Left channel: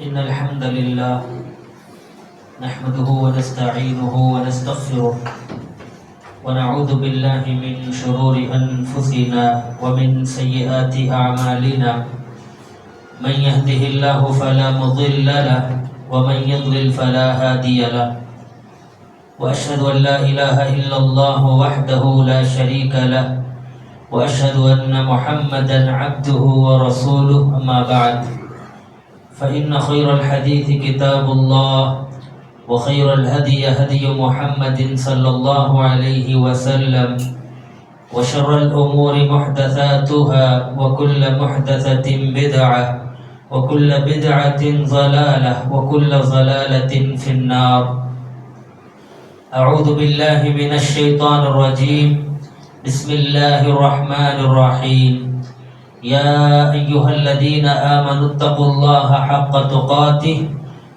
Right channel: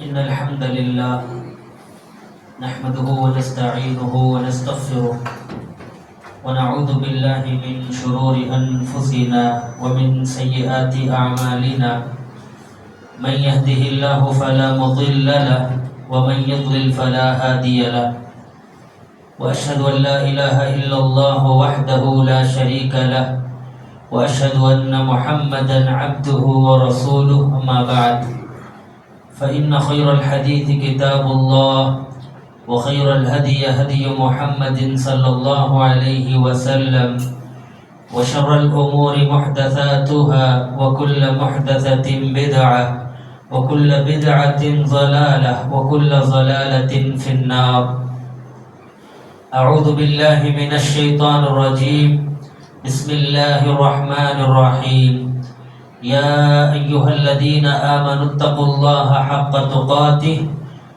إن الحمد لله نحمده ونستعينه ونستغفره ونعوذ بالله من شرور أنفسنا ومن سيئات أعمالنا من يهده الله فلا مضل له ومن يضلل فلا هادي له وأشهد أن لا إله إلا الله وحده لا شريك له وأشهد أن محمدا عبده ورسوله أما بعد فإن خير الحديث كتاب الله وخير الهدي هدي محمد صلى الله عليه وسلم وشر الأمور محدثاتها وكل محدثة بدعة وكل بدعة ضلالة وكل ضلالة في النار. أعوذ بالله من الشيطان الرجيم. بسم الله الرحمن الرحيم. يا أيها الذين آمنوا اتقوا الله حق تقاته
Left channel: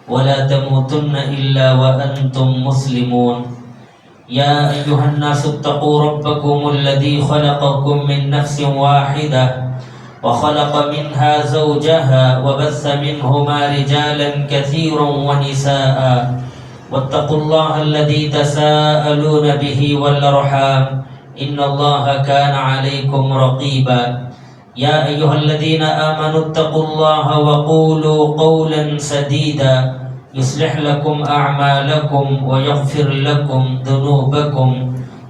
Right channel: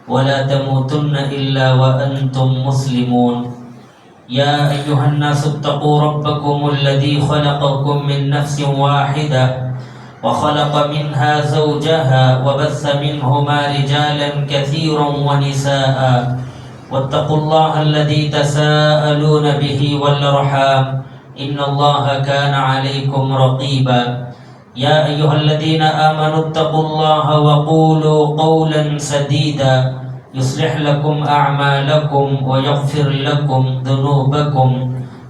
ولا تموتن إلا وأنتم مسلمون. يا أيها الناس اتقوا ربكم الذي خلقكم من نفس واحدة وخلق منها زوجها وبث منهما رجالا كثيرا ونساء واتقوا الله الذي تساءلون به والأرحام إن الله كان عليكم رقيبا. يا أيها الذين آمنوا اتقوا الله وقولوا قولا سديدا يصلح لكم أعمالكم ويغفر لكم ذنوبكم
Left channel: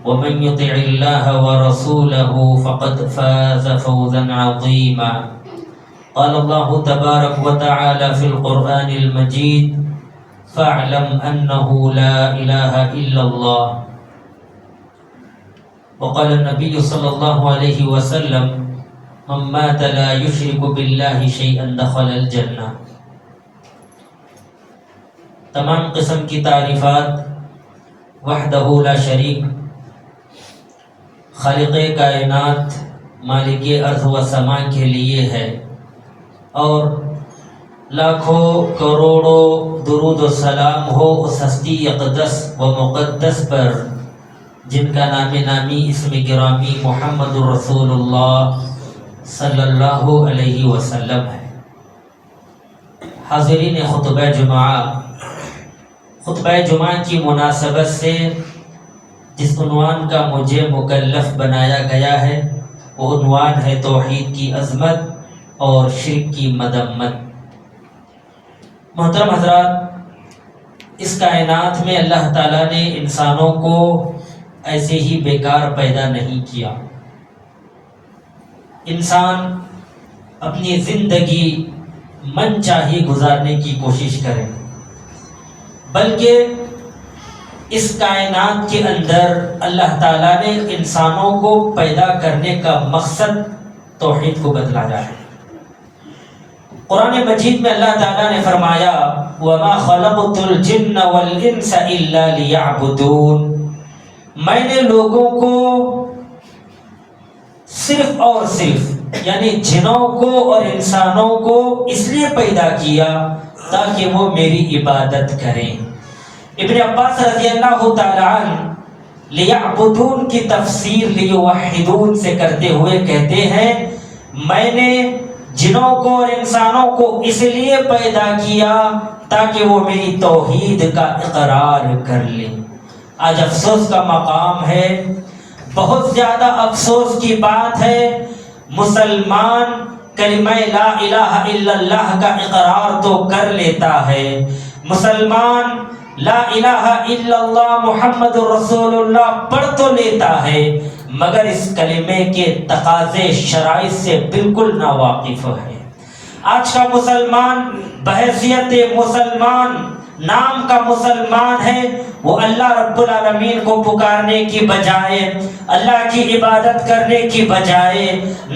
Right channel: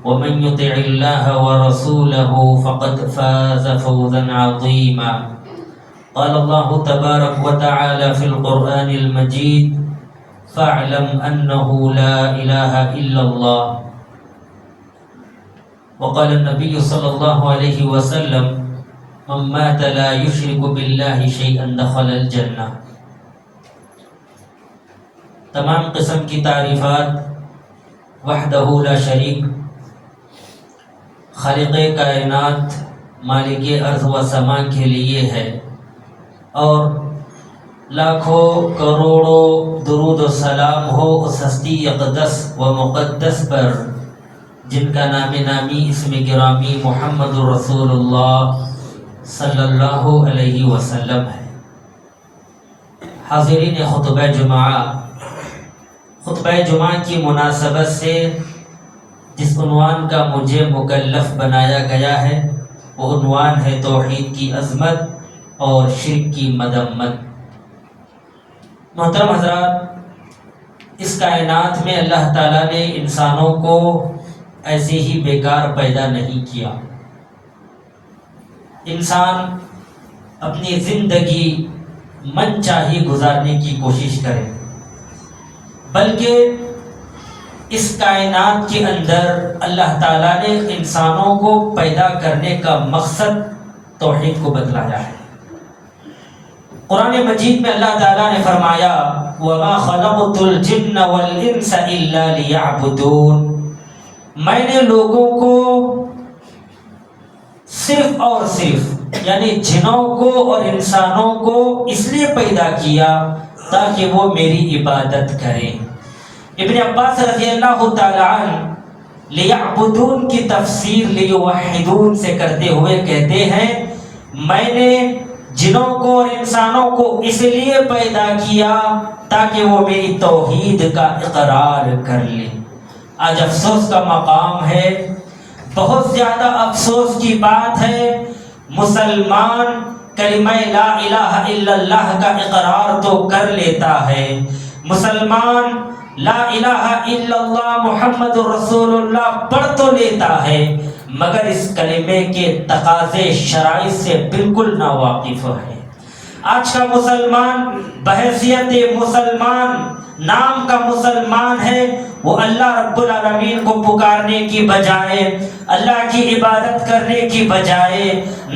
ومن يطع الله ورسوله فقد فاز فوزا عظيما. قال الله تبارك وتعالى في القرآن المجيد فاعلم أنه لا إله إلا الله. وقال النبي صلى الله عليه وسلم من مات لا يشرك بالله شيئا دخل الجنة. تمام قسم کی تعریفات وحدہ لا شریک خالق کائنات مالک ارض و سما کے لیے ہے، اور لاکھوں کروڑوں درود و سلام ہو اس ہستی اقدس و مقدس پر جن کا نام نامی اسم گرامی محمد رسول اللہ صلی اللہ علیہ وسلم ہے. حاضرین خطبہ جمعہ کی مناسبت سے جس عنوان کا مجھے مکلف بنایا گیا ہے وہ عنوان ہے توحید کی عظمت اور شرک کی مذمت. محترم حضرات، اس کائنات میں اللہ تعالیٰ نے انسانوں کو ایسے ہی بیکار پیدا نہیں کیا. انسان اپنی زندگی من چاہی گزارنے کی کوشش کرے، بلکہ اس کائنات کے اندر اللہ تعالیٰ نے انسانوں کو پیدا کرنے کا مقصد توحید کو بتلایا ہے. قرآن مجید میں اللہ تعالیٰ نے فرمایا وَمَا خَلَقْتُ الْجِنَّ وَالْإِنسَ إِلَّا لِيَعْبُدُونَ. میں نے لوگوں کو صرف اور صرف یعنی جنوں کو اور انسانوں کو اس لیے پیدا کیا تاکہ وہ میری عبادت کریں. ابن عباس رضی اللہ تعالی عنہ لیعبدون کی تفسیر لیوحدون سے کرتے ہوئے کہتے ہیں میں نے جنوں کو اور انسانوں کو اس لیے پیدا کیا تاکہ وہ میری توحید کا اقرار کر لیں. آج افسوس کا مقام ہے، بہت زیادہ افسوس کی بات ہے، مسلمان کلمہ لا الہ الا اللہ کا اقرار تو کر لیتا ہے، مسلمان لا الہ الا اللہ محمد رسول اللہ پڑھ تو لیتا ہے، مگر اس کلمے کے تقاضے شرائط سے بالکل ناواقف ہے. آج کا مسلمان بحیثیت مسلمان نام کا مسلمان ہے، وہ اللہ رب العالمین کو پکارنے کی بجائے، اللہ کی عبادت کرنے کی بجائے،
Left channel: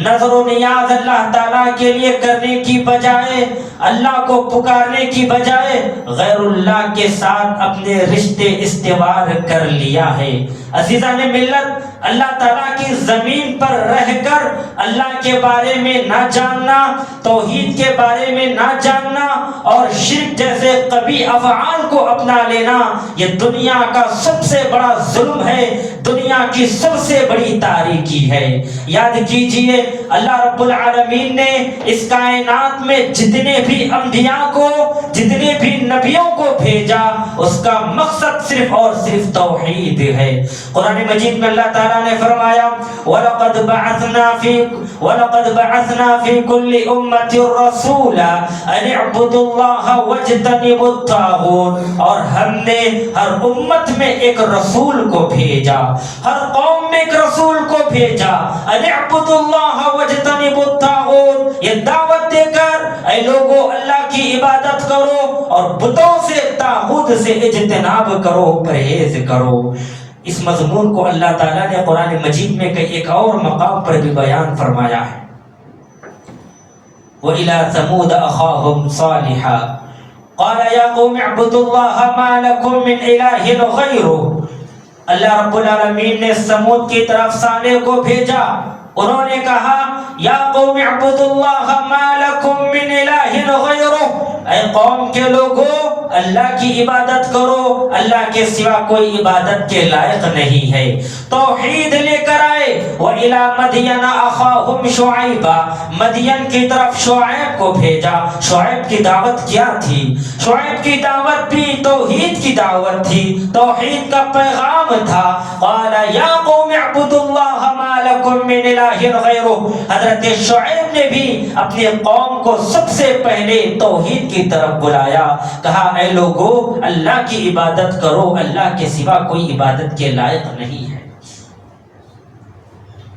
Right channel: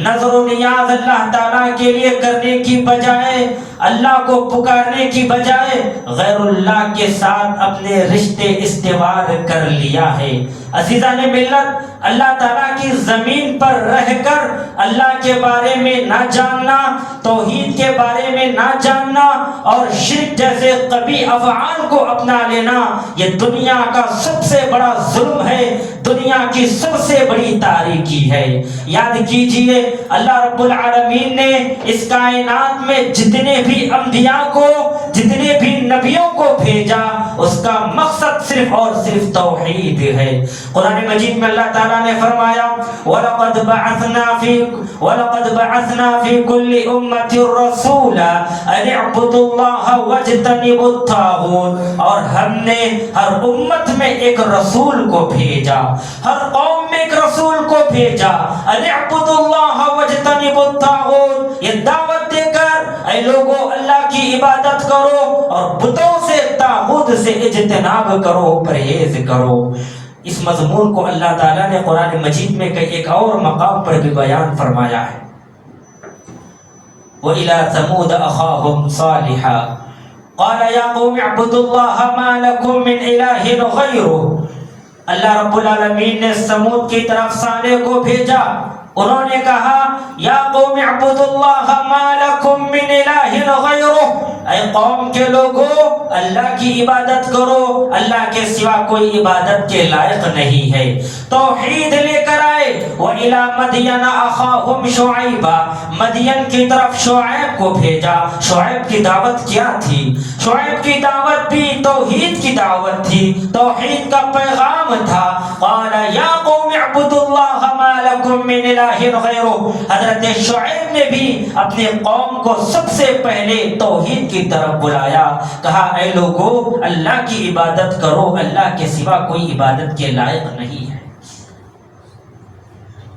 نظر و نیاز اللہ تعالیٰ کے لیے کرنے کی بجائے، اللہ کو پکارنے کی بجائے غیر اللہ کے ساتھ اپنے رشتے استوار کر لیا ہے. عزیزان ملت، اللہ تعالیٰ کی زمین پر رہ کر اللہ کے بارے میں نہ جاننا، توحید کے بارے میں نہ جاننا اور شرک جیسے قبیح افعال کو اپنا لینا، یہ دنیا کا سب سے بڑا ظلم ہے، دنیا کی سب سے بڑی تاریکی ہے۔ یاد کیجئے اللہ رب العالمین نے اس کائنات میں جتنے بھی انبیاء کو، جتنے بھی نبیوں کو بھیجا، اس کا مقصد صرف اور صرف توحید ہے۔ قرآن مجید میں اللہ تعالیٰ نے فرمایا وَلَقَدْ بَعَثْنَا فِي كُلِّ أُمَّةٍ رَسُولًا أَنِ اعْبُدُوا اللَّهَ وَاجْتَنِبُوا الطَّاغُوتَ، اور ہم نے ہر امت میں ایک رسول کو بھیجا، ہر قوم میں ایک رسول کو بھیجا، أَنِ اعْبُدُوا اللَّهَ وَاجْتَنِبُوا الطَّاغُوتَ، یہ دعوت دے کر اے لوگوں اللہ کی عبادت کرو اور بتوں سے، طاغوت سے اجتناب کرو، پرہیز کرو۔ اس مضمون کو اللہ تعالیٰ نے قرآن مجید میں ایک اور مقام پر بھی بیان فرمایا ہے۔ وَإِلَى ثَمُودَ أَخَاهُمْ صَالِحًا قَالَ يَا قَوْمِ اعْبُدُوا اللَّهَ مَا لَكُم مِّنْ إِلَٰهٍ غَيْرُهُ، اللہ رب العالمین نے سمود کی طرف صالح کو بھیجا، انہوں نے کہا یا قوم اعبدوا اللہ ما لکم من الہ غیرہ، اے قوم کے لوگوں اللہ کی عبادت کرو، اللہ کے سوا کوئی عبادت کے لائق نہیں ہے، توحید لے کر آئے۔ وَإِلَى مَدْيَنَ أَخَاهُمْ شُعَيْبًا، مدین کی طرف شعیب کو بھیجا۔ شعیب کی دعوت کیا تھی؟ شعیب کی دعوت بھی توحید کی دعوت تھی، توحید کا پیغام تھا۔ قال یا قوم اعبدوا اللہ ما لکم من الہ غیرہ، حضرت شعیب نے بھی اپنے قوم کو سب سے پہلے توحید کی طرف بلایا، کہا اے لوگو اللہ کی عبادت کرو، اللہ کے سوا کوئی عبادت کے لائق نہیں ہے۔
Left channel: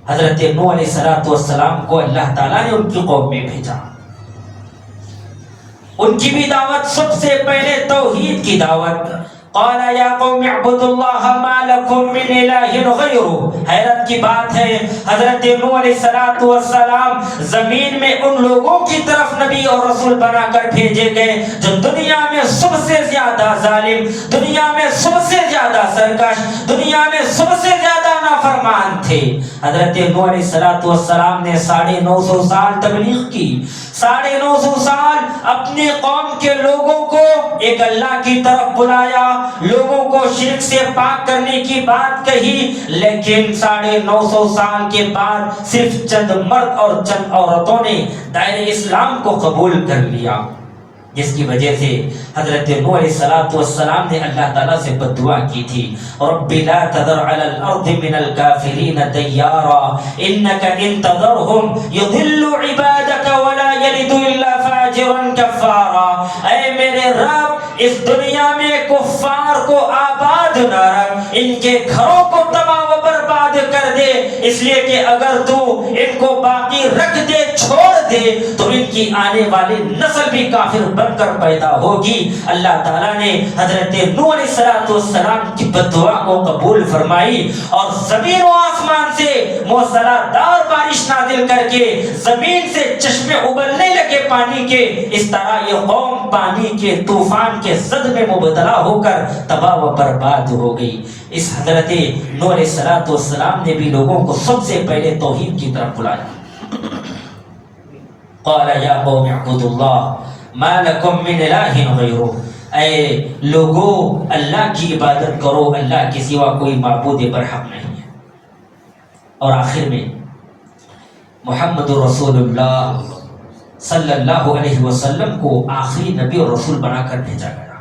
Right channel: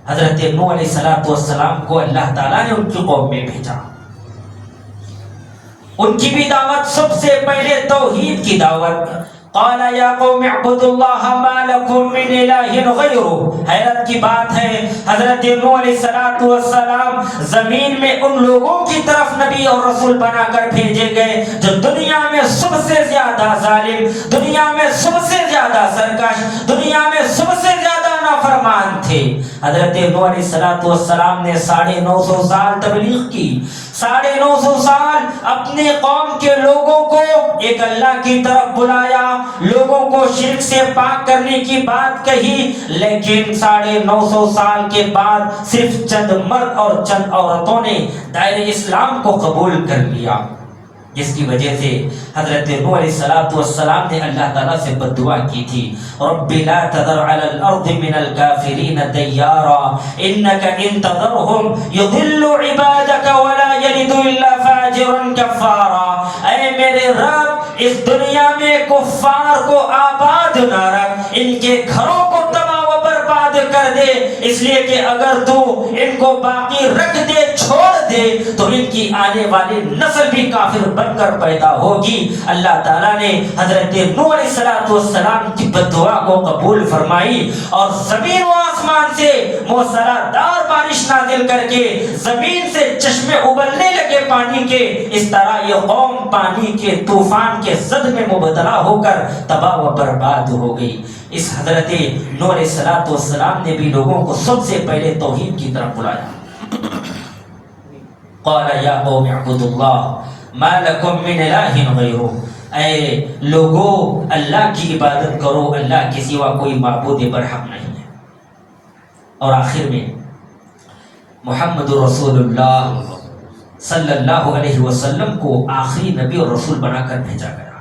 حضرت نوح علیہ السلام کو اللہ تعالیٰ نے ان کی قوم میں بھیجا، ان کی بھی دعوت سب سے پہلے توحید کی دعوت۔ قال یا قوم اعبدوا اللہ ما لکم من الہ غیرہ، حیرت کی بات ہے حضرت نوح علیہ السلام زمین میں ان لوگوں کی طرف نبی اور رسول بنا کر بھیجے گئے جو دنیا میں سب سے زیادہ ظالم، دنیا میں سب سے زیادہ سرکش، دنیا میں سب سے زیادہ نافرمان تھے۔ حضرت نوح علیہ السلام نے 950 سال تبلیغ کی، 950 سال اپنے قوم کے لوگوں کو ایک اللہ کی طرف بلایا، لوگوں کو شرک سے پاک کرنے کی بات کہی، لیکن 950 سال کے بعد صرف چند مرد اور چند عورتوں نے دائرہ اسلام کو قبول کر لیا، جس کی وجہ سے حضرت نوح علیہ السلام نے اللہ تعالیٰ سے بد دعا کی تھی، رب لا تذر علی الارض من الکافرین دیارا انک ان تذرہم یضل عبادک ولا یلد الا فاجرا کفارا، اے میرے رب اس دنیا میں کفار کو آباد نہ رکھ، ان کے گھروں کو تباہ و برباد کر دے، اس لیے کہ اگر تو ان کو باقی رکھ دے، چھوڑ دے، تو ان کی آنے والی نسل بھی کافر بن کر پیدا ہوگی۔ اللہ تعالیٰ نے حضرت نوح علیہ السلام کی بد دعا کو قبول فرمائی اور زمین و آسمان سے موسلادھار بارش نازل کر کے زمین سے چشمے ابلنے لگے پانی کے، اس طرح یہ قوم پانی کے طوفان کے زد میں مبتلا ہو کر تباہ و برباد ہو گئی۔ اس حضرت نوح علیہ السلام نے بھی لوگوں کو سب سے پہلے توحید کی طرف بلایا۔ قال یا قوم اعبدوا اللہ ما لکم من الہ غیرہ، اے لوگو اللہ کی عبادت کرو، اللہ کے سوا کوئی معبود برحق نہیں ہے۔ اور آخر میں محمد رسول اللہ صلی اللہ علیہ وسلم کو آخری نبی اور رسول بنا کر بھیجا گیا،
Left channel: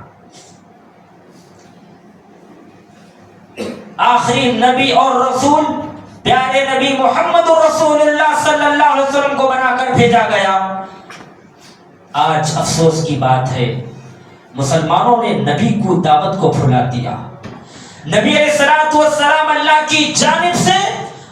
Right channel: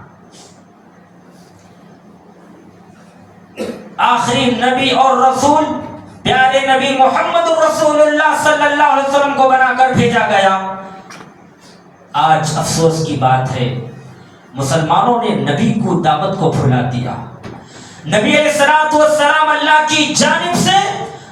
آخری نبی اور رسول پیارے نبی محمد رسول اللہ صلی اللہ علیہ وسلم کو بنا کر بھیجا گیا۔ آج افسوس کی بات ہے مسلمانوں نے نبی کو دعوت کو بھلا دیا۔ نبی علیہ السلام اللہ کی جانب سے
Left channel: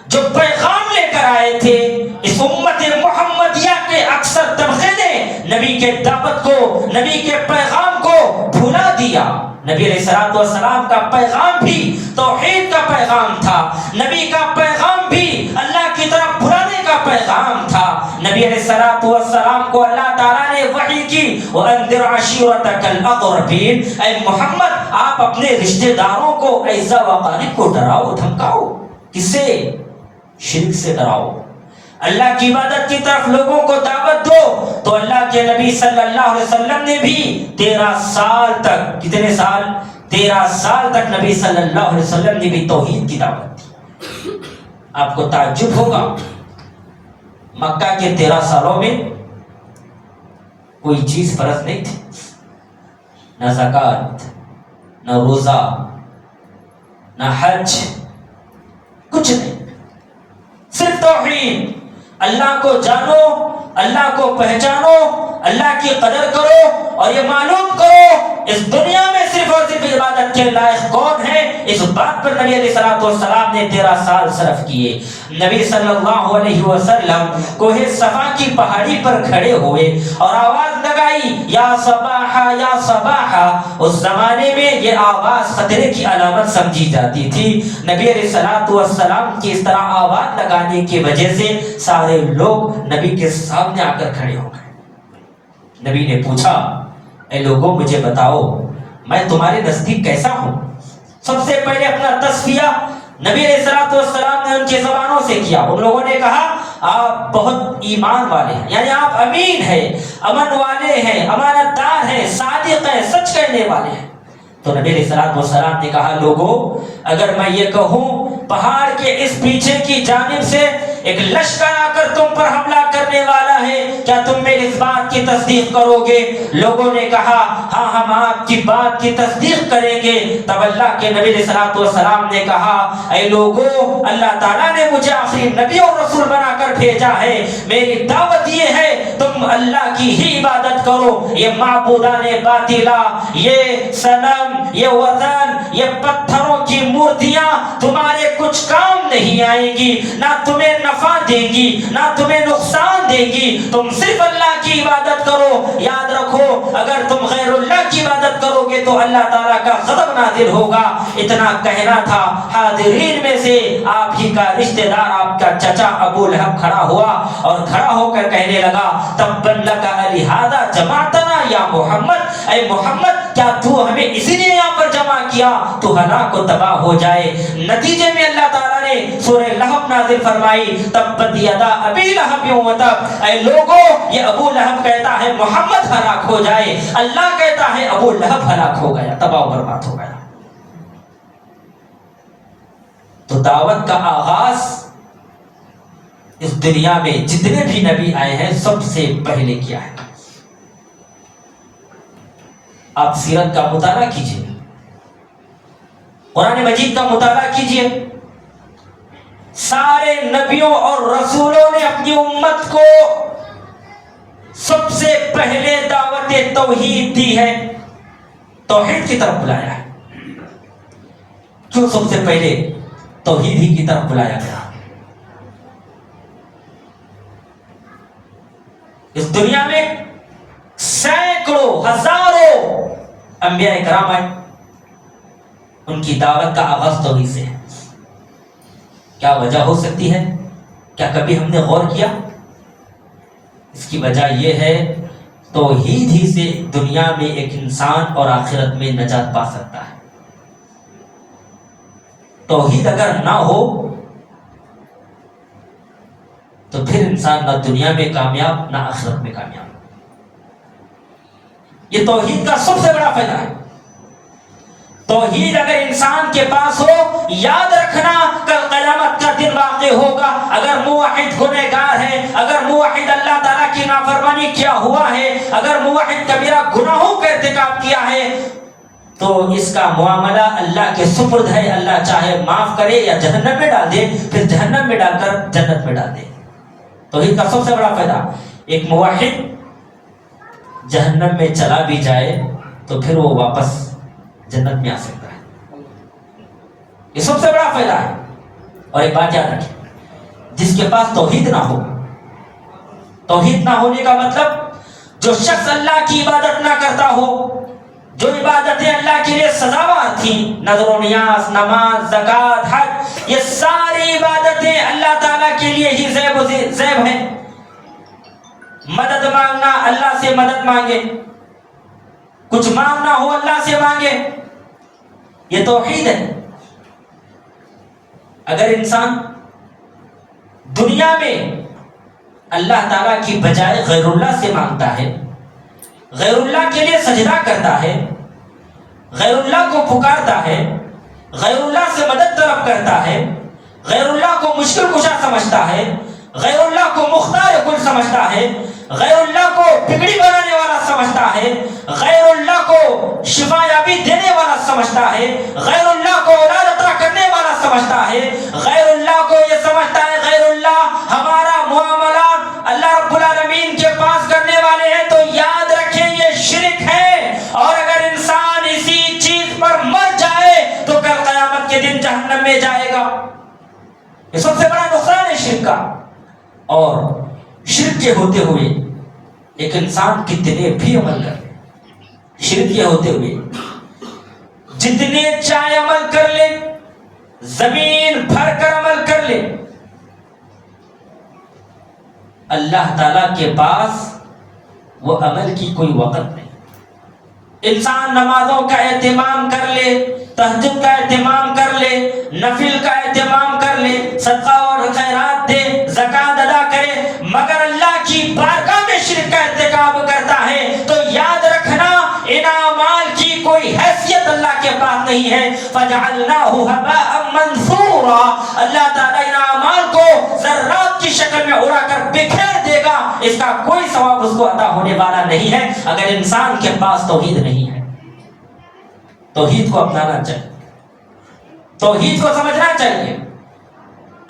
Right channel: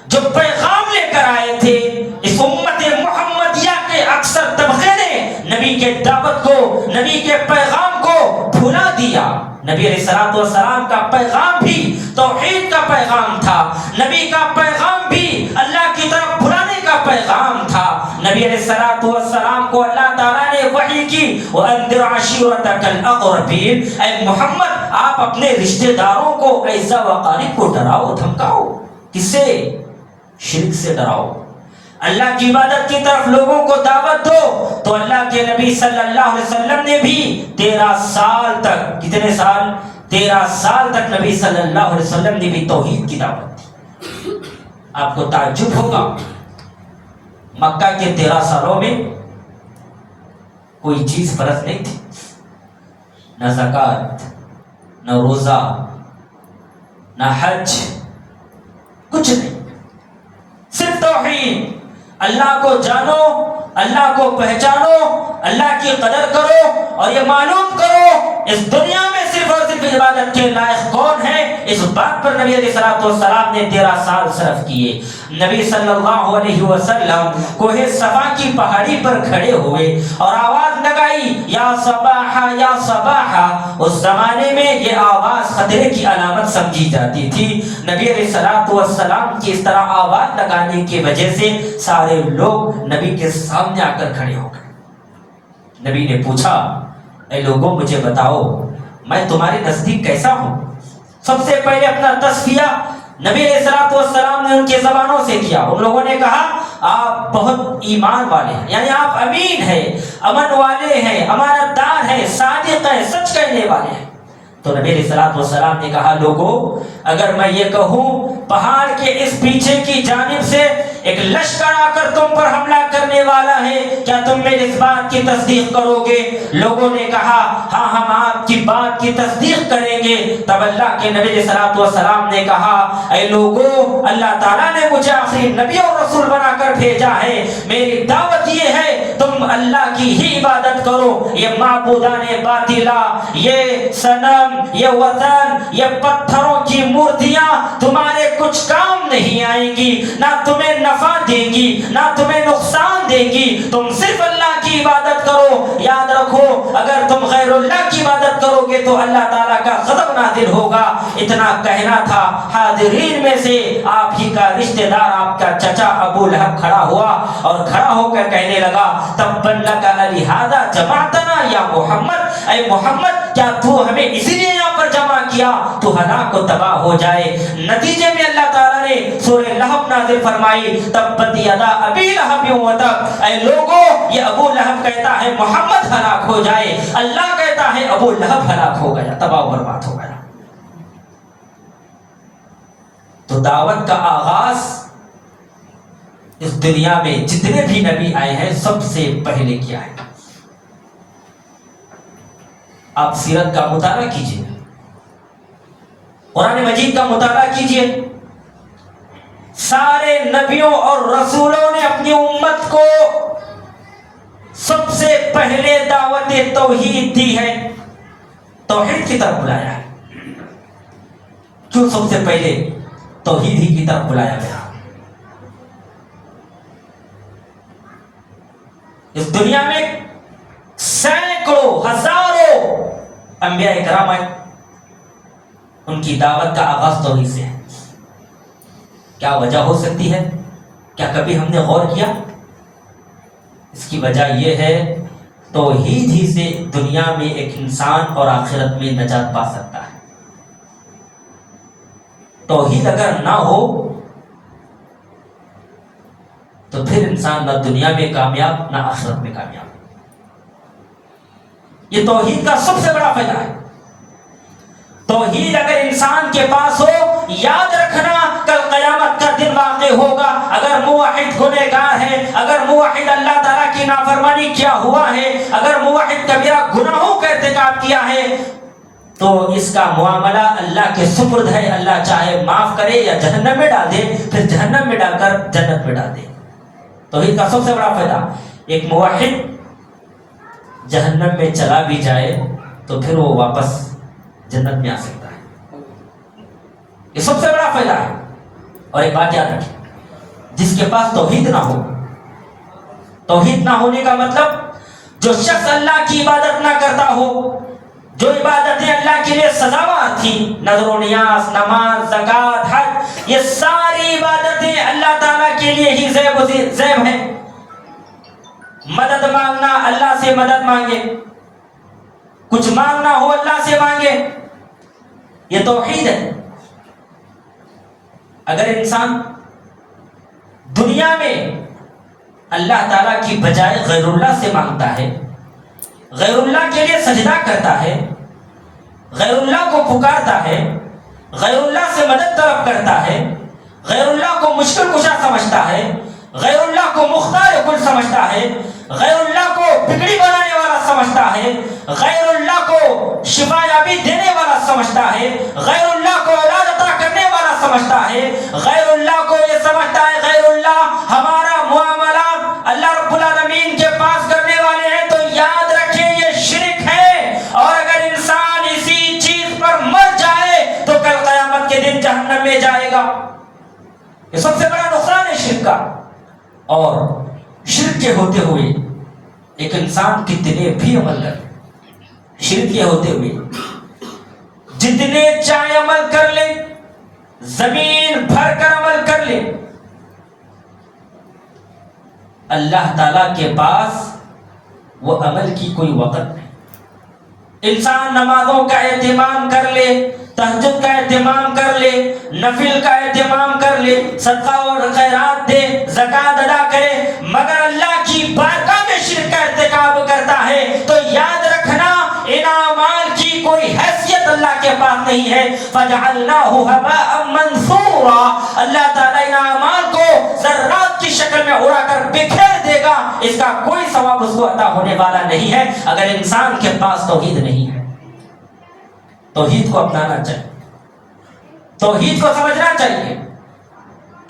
جو پیغام لے کر آئے تھے، اس امت محمدیہ کے اکثر طبقے نے نبی کے دعوت کو، نبی کے پیغام کو بھلا دیا۔ نبی علیہ السلام کا پیغام بھی توحید کا پیغام تھا، نبی کا پیغام بھی اللہ کی طرف بلانے کا پیغام تھا۔ نبی علیہ السلام کو اللہ تعالیٰ نے وحی کی وَأَنذِرْ عَشِيرَتَكَ الْأَقْرَبِينَ، اے محمد آپ اپنے رشتہ داروں کو، اعزا و اقارب کو ڈراؤ دھمکاؤ۔ کس سے؟ شرک سے ڈراؤ۔ اللہ کی عبادت کی طرف لوگوں کو دعوت دو. تو اللہ کے نبی صلی اللہ علیہ وسلم نے بھی 13 سال تک، کتنے سال؟ 13 سال تک نبی صلی اللہ علیہ وسلم نے بھی توحید کی دعوت دی. آپ کو تعجب ہوگا، مکہ کے 13 سالوں میں کوئی چیز فرض نہیں تھی، نہ زکوٰۃ، نہ روزہ، نہ حج، کچھ نہیں، صرف توحید. اللہ کو جانو، اللہ کو پہچانو، اللہ کی قدر کرو اور یہ معلوم کرو اس دنیا میں صرف اور صرف عبادت کے لائق کون ہے. اس بات پر نبی علیہ الصلوۃ والسلام نے 13 سال صرف کیے. نبی صلی اللہ علیہ وسلم کوہ صفا کی پہاڑی پر کھڑے ہوئے اور آواز لگائی، یا صباحا یا صباحا. اس زمانے میں یہ آواز خطرے کی علامت سمجھی جاتی تھی. نبی علیہ الصلوۃ والسلام کی اس طرح آواز لگانے کی وجہ سے سارے لوگ نبی کے سامنے آ کر کھڑے ہو گئے. نبی نے پوچھا، اے لوگوں مجھے بتاؤ میں تمہارے نزدیک کیسا ہوں؟ سب سے پہلے اپنا تصفیہ نبی علیہ الصلوۃ والسلام نے ان کی زبانوں سے کیا. ان لوگوں نے کہا آپ بہت ایمان والے ہیں، یعنی آپ امین ہیں، امن والے ہیں، امانت دار ہیں، صادق ہیں، سچ کہنے والے ہیں. تو نبی علیہ الصلوۃ والسلام نے کہا، لوگوں اگر میں یہ کہوں پہاڑ کے اس پیچھے کی جانب سے ایک لشکر آ کر تم پر حملہ کرنے والا ہے، کیا تم میری اس بات کی تصدیق کرو گے؟ لوگوں نے کہا ہاں ہم آپ کی بات کی تصدیق کریں گے. تب اللہ کے نبی علیہ الصلوۃ والسلام نے کہا، اے لوگوں اللہ تعالیٰ نے مجھے آخری نبی اور رسول بنا کر بھیجا ہے. میری دعوت یہ ہے تم اللہ کی ہی عبادت کرو. یہ معبودان باطلا، یہ صنم، یہ وثن، یہ پتھروں کی مورتیاں تمہارے کچھ کام نہیں آئیں گی، نہ تمہیں نفع دیں گی نہ تمہیں نقصان دیں گی. تم صرف اللہ کی عبادت کرو. یاد رکھو اگر تم غیر اللہ کی عبادت کرو گے تو اللہ تعالیٰ کا غضب نازل ہوگا. اتنا کہنا تھا. حاضرین میں سے آپ ہی کا رشتہ دار، آپ کا چچا ابو لہب کھڑا ہوا اور کھڑا ہو کر کہنے لگا، تبا لک لہذا جمعتنا یا محمد، اے محمد کیا تو ہمیں اسی لیے یہاں پر جمع کیا تو ہلاک و تباہ ہو جائے. نتیجے میں اللہ تعالیٰ نے سورہ لہب نازل فرمائی، تبت یدا ابی لہب و تب. اے لوگوں یہ ابو لہب کہتا ہے محمد ہلاک ہو جائے، اللہ کہتا ہے ابو لہب ہلاک ہو گیا، تباہ و برباد ہو گیا. تو دعوت کا آغاز اس دنیا میں جتنے بھی نبی آئے ہیں سب سے پہلے کیا ہے. آپ سیرت کا مطالعہ کیجئے، قرآن مجید کا مطالعہ کیجئے. سارے نبیوں اور رسولوں نے اپنی امت کو سب سے پہلے دعوت توحید دی ہے، توحید کی طرف بلایا ہے. کیوں سب سے پہلے توحید ہی کی طرف بلایا گیا؟ اس دنیا میں سینکڑوں ہزاروں انبیاء کرام آئے، ان کی دعوت کا آغاز توحید سے ہے. کیا وجہ ہو سکتی ہے؟ کیا کبھی ہم نے غور کیا؟ اس کی وجہ یہ ہے توحید ہی سے دنیا میں ایک انسان اور آخرت میں نجات پا سکتا ہے. توحید اگر نہ ہو تو پھر انسان نہ دنیا میں کامیاب نہ آخرت میں کامیاب. یہ توحید کا سب سے بڑا فائدہ ہے. توحید اگر انسان کے پاس ہو، یاد رکھنا کل قیامت کا دن واقع ہوگا. اگر موحد گنہگار ہے، اگر موحد اللہ تعالیٰ کی نافرمانی کیا ہوا ہے، اگر موحد کبیرہ گناہوں کا ارتکاب کیا ہے تو اس کا معاملہ اللہ کے سپرد ہے. اللہ چاہے معاف کرے یا جہنم میں ڈال دے، پھر جہنم میں ڈال کر جنت میں ڈال دے. توحید کا سب سے بڑا فائدہ، ایک موحد جہنم میں چلا بھی جائے تو پھر وہ واپس جنت میں آ سکتا ہے. یہ سب سے بڑا فائدہ ہے. اور ایک بات یاد رکھیں، جس کے پاس توحید نہ ہو، توحید نہ ہونے کا مطلب جو شخص اللہ کی عبادت نہ کرتا ہو، جو عبادتیں اللہ کے لیے سزاوار تھیں، نذر و نیاز، نماز، زکوٰۃ، حج، یہ ساری عبادتیں اللہ تعالیٰ کے لیے ہی زیب ہیں. مدد مانگنا، اللہ سے مدد مانگے، کچھ مانگنا ہو اللہ سے مانگے، یہ توحید ہے. اگر انسان دنیا میں اللہ تعالیٰ کی بجائے غیر اللہ سے مانگتا ہے، غیر اللہ کے لیے سجدہ کرتا ہے، غیر اللہ کو پکارتا ہے، غیر اللہ سے مدد طلب کرتا ہے، غیر اللہ کو مشکل کشا سمجھتا ہے، غیر اللہ کو مختار کل سمجھتا ہے، غیر اللہ کو بگڑی بنانے والا سمجھتا ہے، غیر اللہ کو شفا یابی دینے والا سمجھتا ہے، غیر اللہ کو اولاد عطا کرنے والا سمجھتا ہے، غیر اللہ کو یہ سمجھتا ہے غیر اللہ ہمارا معاملہ اللہ رب العالمین کے پاس کرنے والے ہیں، تو یاد رکھیں یہ شرک ہے، اور اگر انسان اسی چیز پر مر جائے تو کل قیامت کے دن جہنم میں جائے گا۔ یہ سب سے بڑا نقصان ہے شرک کا۔ اور شرک کے ہوتے ہوئے ایک انسان کتنے بھی عمل کرے، شرک کے ہوتے ہوئے جتنے چاہے عمل کر لے، زمین بھر کر عمل کر لے، اللہ تعالی کے پاس وہ عمل کی کوئی وقت نہیں۔ انسان نمازوں کا اہتمام کر لے، تہجد کا اہتمام کر لے، نفل کا اہتمام کر لے، صدقہ اور خیرات دے، زکوٰۃ ادا کرے، مگر اللہ کی بارگاہ میں شرک کا ارتکاب کرتا ہے تو یاد رکھنا ان اعمال کی کوئی حیثیت اللہ کے پاس نہیں ہے۔ فَجَعَلْنَاهُ هَبَاءً مَنْثُورًا، اللہ تعالیٰ ان اعمال کو ذرات کی شکل میں اڑا کر بکھیر دے گا، اس کا کوئی ثواب اس کو عطا ہونے والا نہیں ہے اگر انسان کے پاس توحید نہیں ہے۔ توحید کو اپنانا چاہیے، توحید کو سمجھنا چاہیے،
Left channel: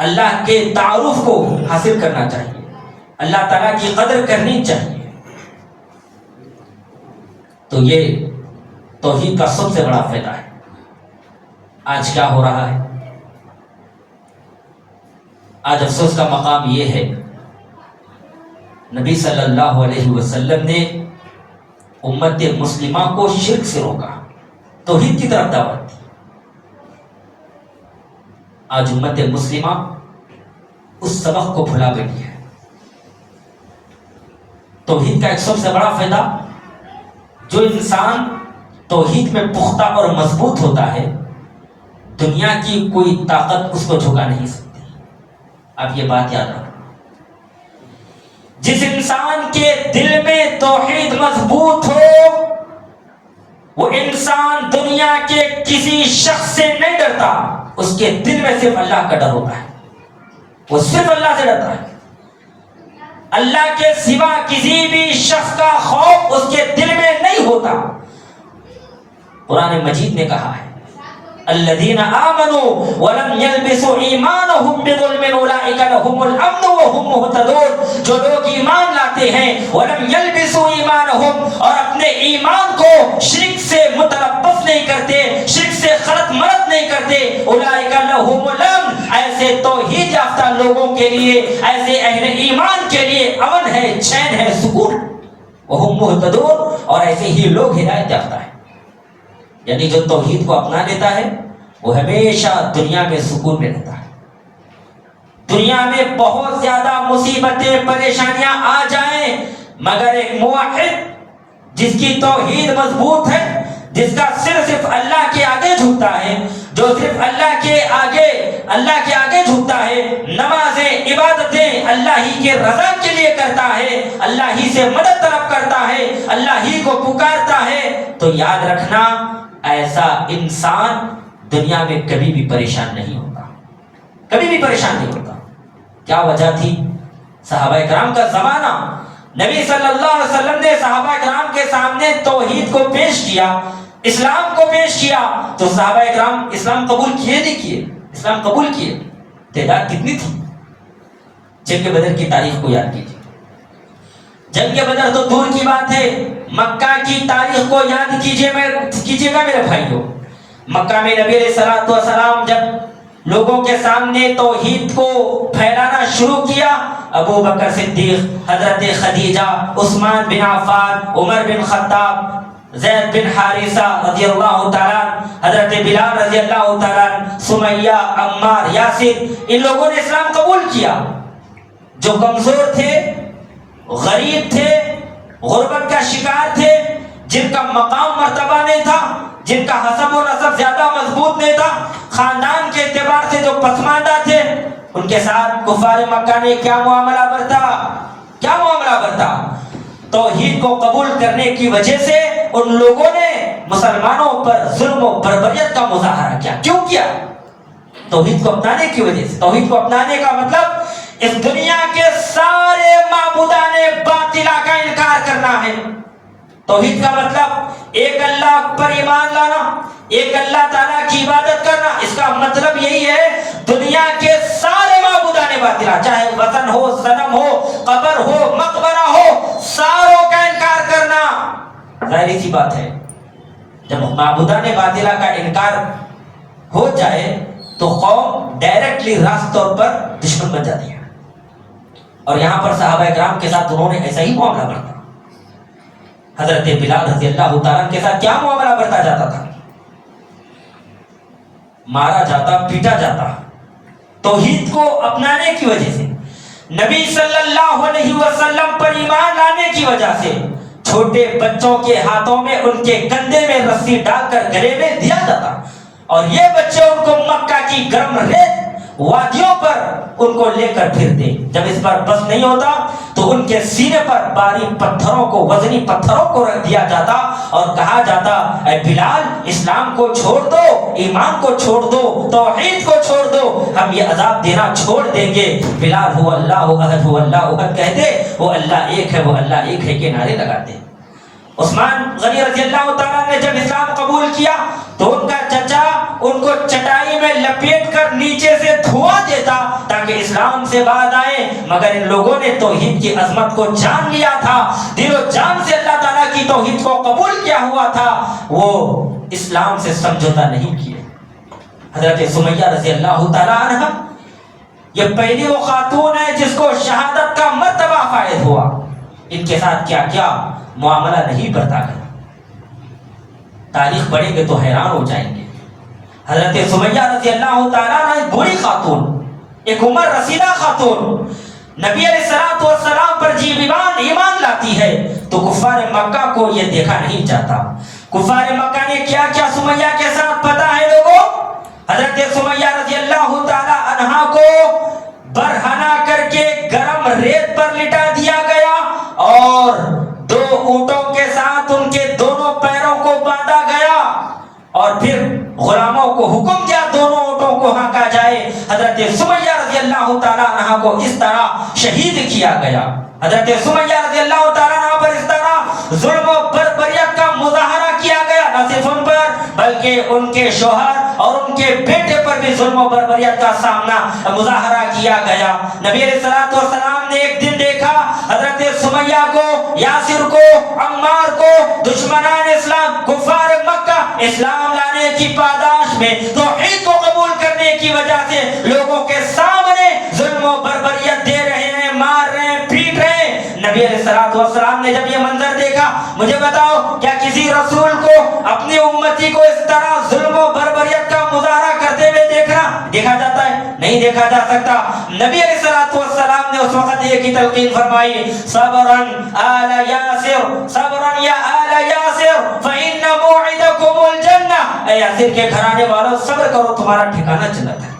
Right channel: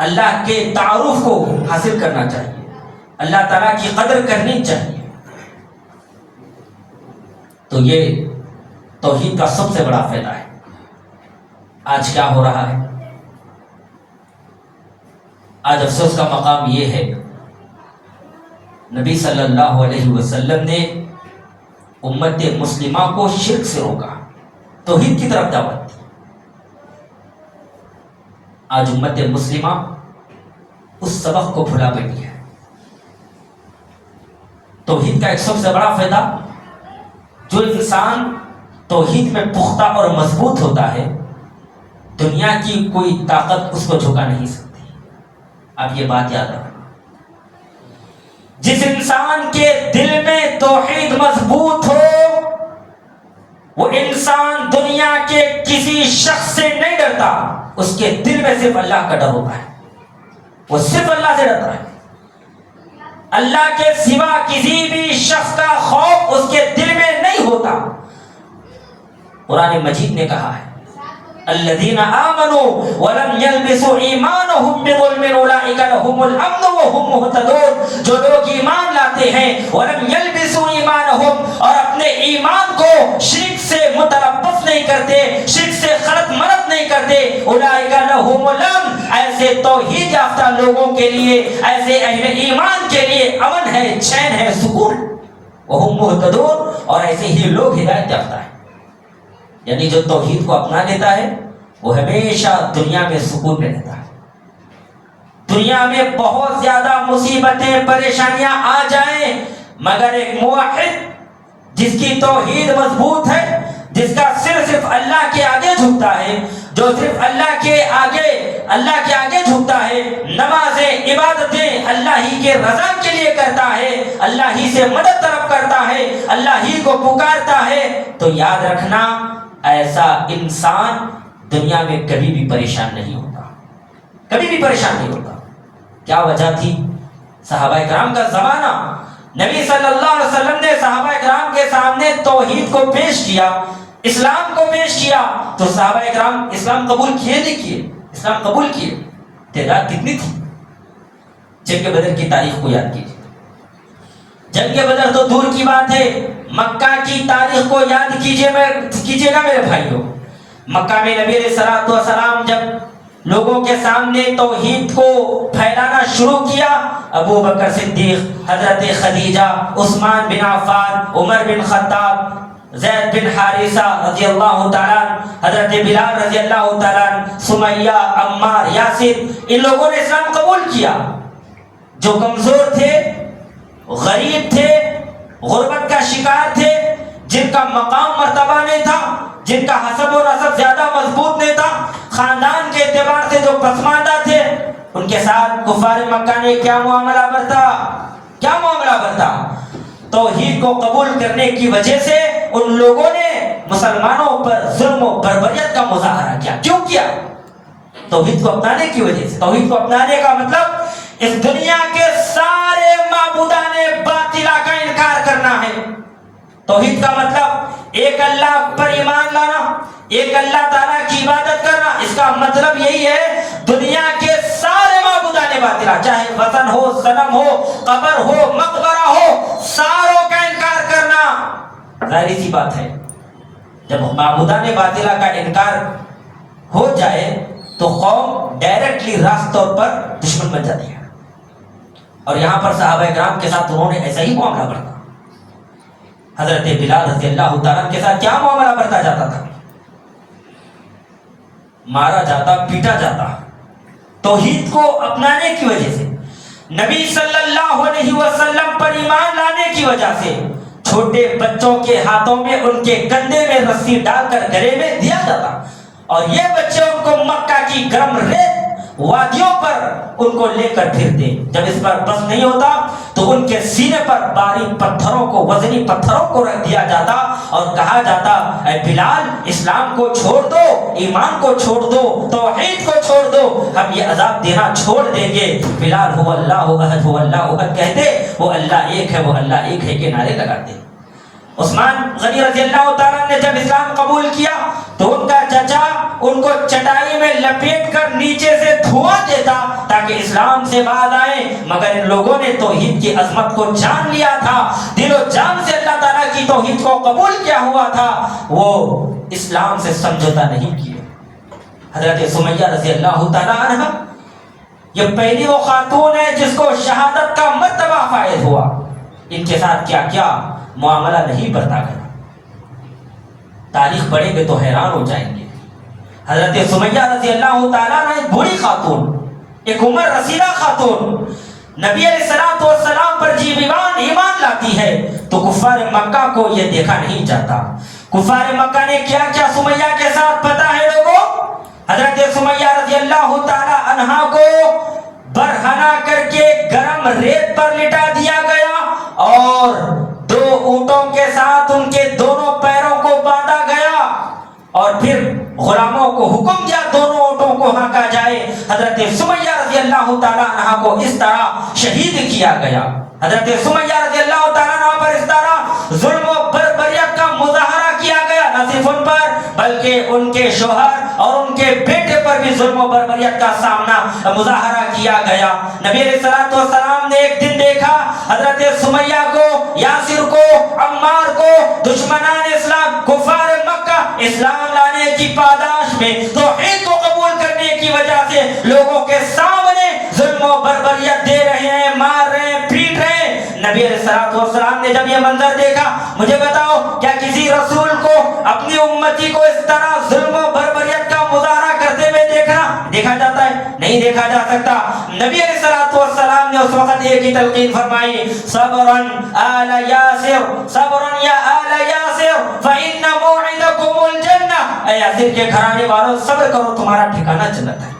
اللہ کے تعارف کو حاصل کرنا چاہیے، اللہ تعالیٰ کی قدر کرنی چاہیے۔ تو یہ توحید کا سب سے بڑا فائدہ ہے۔ آج کیا ہو رہا ہے؟ آج افسوس کا مقام یہ ہے، نبی صلی اللہ علیہ وسلم نے امت مسلمہ کو شرک سے روکا، توحید کی طرف دعوت دی۔ آج امت مسلمہ اس سبق کو بھلا بیٹھی ہے۔ توحید کا ایک سب سے بڑا فائدہ، جو انسان توحید میں پختہ اور مضبوط ہوتا ہے، دنیا کی کوئی طاقت اس کو جھکا نہیں سکتی۔ اب یہ بات یاد رکھنا، جس انسان کے دل میں توحید مضبوط ہو وہ انسان دنیا کے کسی شخص سے نہیں ڈرتا، اس کے دل میں صرف اللہ کا ڈر ہوتا ہے، وہ صرف اللہ سے ڈرتا ہے۔ اللہ کے سوا کسی بھی شخص کا خوف اس کے دل میں نہیں ہوتا۔ قرآن مجید نے کہا ہے الذین آمنوا ولم یلبسوا ایمانہم بظلم اولئک لہم الامن وہم مہتدون، جو لوگ ایمان لاتے ہیں ولم یلبسوا ایمانہم، اور اپنے ایمان کو شرک سے متلبس نہیں کرتے، شرک سے خلط مرد نہیں کرتے، اولئک لہم الامن، ایسے توحید یافتہ لوگوں کے لیے، ایسے اہل ایمان کے لیے امن ہے، چین ہے، سکون ہے، وہم مہتدون، اور ایسے ہی لوگ ہدایت یافتہ ہیں۔ یعنی جو توحید کو اپنا لیتا ہے وہ ہمیشہ دنیا میں سکون میں رہتا ہے۔ دنیا میں بہت زیادہ مصیبتیں پریشانیاں آ جائیں، مگر ایک موحد جس کی توحید مضبوط ہے، جس کا صرف اللہ کے آگے جھکتا ہے، جو صرف اللہ کے آگے جھکتا ہے، نمازیں عبادتیں اللہ ہی کے رضا کے لیے کرتا ہے، اللہ ہی سے مدد طلب کرتا ہے، اللہ ہی کو پکارتا ہے، تو یاد رکھنا ایسا انسان دنیا میں کبھی بھی پریشان نہیں ہوتا، کبھی بھی پریشان نہیں ہوتا۔ کیا وجہ تھی؟ صحابہ کرام کا زمانہ، نبی صلی اللہ علیہ وسلم نے صحابہ کرام کے سامنے توحید کو پیش کیا، اسلام کو پیش کیا، تو صحابہ کرام اسلام قبول کیے نہیں کیے؟ اسلام قبول کیے۔ تعداد کتنی تھی؟ جنگ بدر کی تاریخ کو یاد کیجیے، جنگ بدر تو دور کی بات ہے، مکہ کی تاریخ کو یاد کیجیے گا میرے بھائیوں۔ مکہ میں نبی علیہ الصلوۃ والسلام جب لوگوں کے سامنے توحید کو پھیلانا شروع کیا، ابو بکر صدیق، حضرت خدیجہ، عثمان بن عفان، عمر بن خطاب، زید بن حارثہ رضی اللہ تعالیٰ، حضرت بلال رضی اللہ تعالیٰ، سمیہ، عمار، یاسر، ان لوگوں نے اسلام قبول کیا۔ جو کمزور تھے، غریب تھے، غربت کا شکار تھے، جن کا مقام مرتبہ نہیں تھا، جن کا حسب و نسب زیادہ مضبوط نہیں تھا، خاندان کے اعتبار سے جو پسماندہ تھے، ان کے ساتھ کفار مکہ نے کیا معاملہ برتا؟ کرتا. توحید کو قبول کرنے کی وجہ سے ان لوگوں نے مسلمانوں پر ظلم و بربریت کا مظاہرہ کیا. کیوں کیا؟ توحید کو اپنانے کی وجہ سے. توحید کو اپنانے کا مطلب اس دنیا کے سارے معبودان باطلہ کا انکار کرنا ہے. توحید کا مطلب ایک اللہ پر ایمان لانا، ایک اللہ تعالیٰ کی عبادت کرنا. اس کا مطلب یہی ہے دنیا کے سارے معبودان باطلہ، چاہے وثن ہو، صنم ہو، قبر ہو، مقبرہ ہو، ساروں کا انکار کرنا. ظاہری سی بات ہے جب معبودان باطلہ کا انکار ہو جائے تو قوم ڈائریکٹلی راست طور پر دشمن بن جاتی ہے. اور یہاں پر صحابہ کرام کے ساتھ انہوں نے ایسا ہی معاملہ برتا. حضرت بلال رضی اللہ تعالیٰ کے ساتھ کیا معاملہ برتا جاتا تھا؟ مارا جاتا، پیٹا جاتا توحید کو اپنانے کی وجہ سے، نبی صلی اللہ علیہ وسلم پر ایمان لانے کی وجہ سے. چھوٹے بچوں کے ہاتھوں میں ان کے کندھے میں رسی ڈال کر گلے میں دیا جاتا اور یہ بچے ان کو مکہ کی گرم ریت وادیوں پر ان کو لے کر پھرتے. جب اس پر بس نہیں ہوتا تو ان کے سینے پر باریک پتھروں کو، وزنی پتھروں کو رکھ دیا جاتا اور کہا جاتا اے بلال اسلام کو چھوڑ دو، ایمان کو چھوڑ دو، توحید کو چھوڑ دو، ہم یہ عذاب دینا چھوڑ دیں گے. بلال ہو اللہ احد ہو اللہ احد کہتے، وہ اللہ ایک ہے، وہ اللہ ایک ہے کے نعرے لگاتے. عثمان غنی رضی اللہ تعالیٰ نے جب اسلام قبول کیا تو ان کا چچا ان کو چٹائی میں لپیٹ کر نیچے سے دھواں دیتا تاکہ اسلام سے بعد آئیں، مگر ان لوگوں نے توحید کی عظمت کو جان لیا تھا، دل و جان سے اللہ تعالیٰ کی توحید کو قبول کیا ہوا تھا، وہ اسلام سے سمجھوتا نہیں کیے. حضرت سمیہ رضی اللہ تعالیٰ عنہ یہ پہلی وہ خاتون ہے جس کو شہادت کا مرتبہ فائد ہوا. ان کے ساتھ کیا کیا معاملہ نہیں برتا گیا، تاریخ پڑھیں گے تو حیران ہو جائیں گے. حضرت سمیہ رضی اللہ تعالیٰ عنہ ایک بری خاتون، ایک عمر رسیدہ خاتون، نبی علیہ السلام پر جی ایمان لاتی ہے تو کفار مکہ کو یہ دیکھا نہیں جاتا. کفار مکہ نے کیا کیا سمیہ کے ساتھ پتہ ہے لوگوں؟ حضرت سمیہ رضی اللہ تعالیٰ عنہ کو برہنہ کر کے گرم ریت پر لٹا دیا گیا اور 2 اونٹوں کے ساتھ ان کے دونوں پیروں کو باندھا گیا اور پھر غلاموں کو حکم دیا دونوں اونٹوں کو ہانکا جائے. حضرت سمیہ رضی اللہ تعالیٰ عنہ کو اس طرح شہید کیا گیا. حضرت سمیہ رضی اللہ تعالیٰ عنہ پر اس طرح ظلم و بربریت کا مظاہرہ کیا گیا، نہ صرف ان پر بلکہ ان کے شوہر اور ان کے بیٹے پر بھی ظلم و بربریت کا سامنا مظاہرہ کیا گیا. نبی علیہ السلام نے ایک دن دیکھا حضرت سمیہ کو، یاسر کو، عمار کو دشمنان اسلام کفار مکہ اسلام لانے کی پاداش میں توحید کو قبول کرنے کی وجہ سے لوگوں کے سامنے ظلم و بربریت دے رہے ہیں، مار رہے ہیں، پیٹ رہے ہیں. نبی علیہ السلام نے جب یہ منظر دیکھا، مجھے بتاؤ کیا کسی رسول کو اپنی امتی کو اس طرح ظلم و بربریت کا مظاہرہ کرتے ہوئے دیکھا جاتا ہے؟ نہیں دیکھا جا سکتا. نبی علیہ السلام نے اس وقت ایک ہی تلقین فرمائی، صبرن آل یاسر، صبرن یا آل یاسر فإن موعدکم الجنہ. اے یاسر کے گھرانے والوں صبر کرو، تمہارا ٹھکانہ جنت ہے.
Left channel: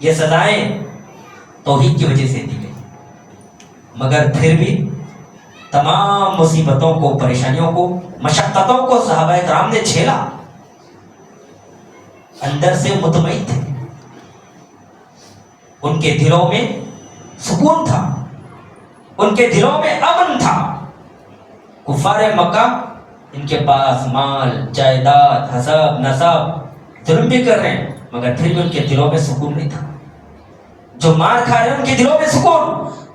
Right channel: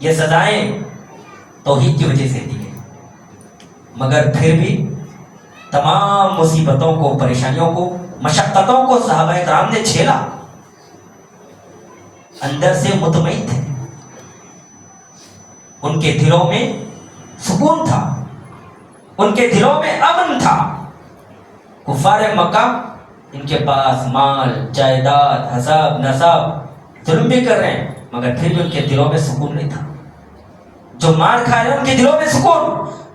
یہ سزائیں توحید کی وجہ سے دی گئی، مگر پھر بھی تمام مصیبتوں کو، پریشانیوں کو، مشقتوں کو صحابہ کرام نے جھیلا، اندر سے مطمئن تھے، ان کے دلوں میں سکون تھا، ان کے دلوں میں امن تھا. کفار مکہ ان کے پاس مال، جائیداد، حسب نسب ظلم بھی کر رہے ہیں مگر پھر بھی ان کے دلوں میں سکون نہیں تھا. جو مار کھا رہے ہیں ان کے دلوں میں سکون،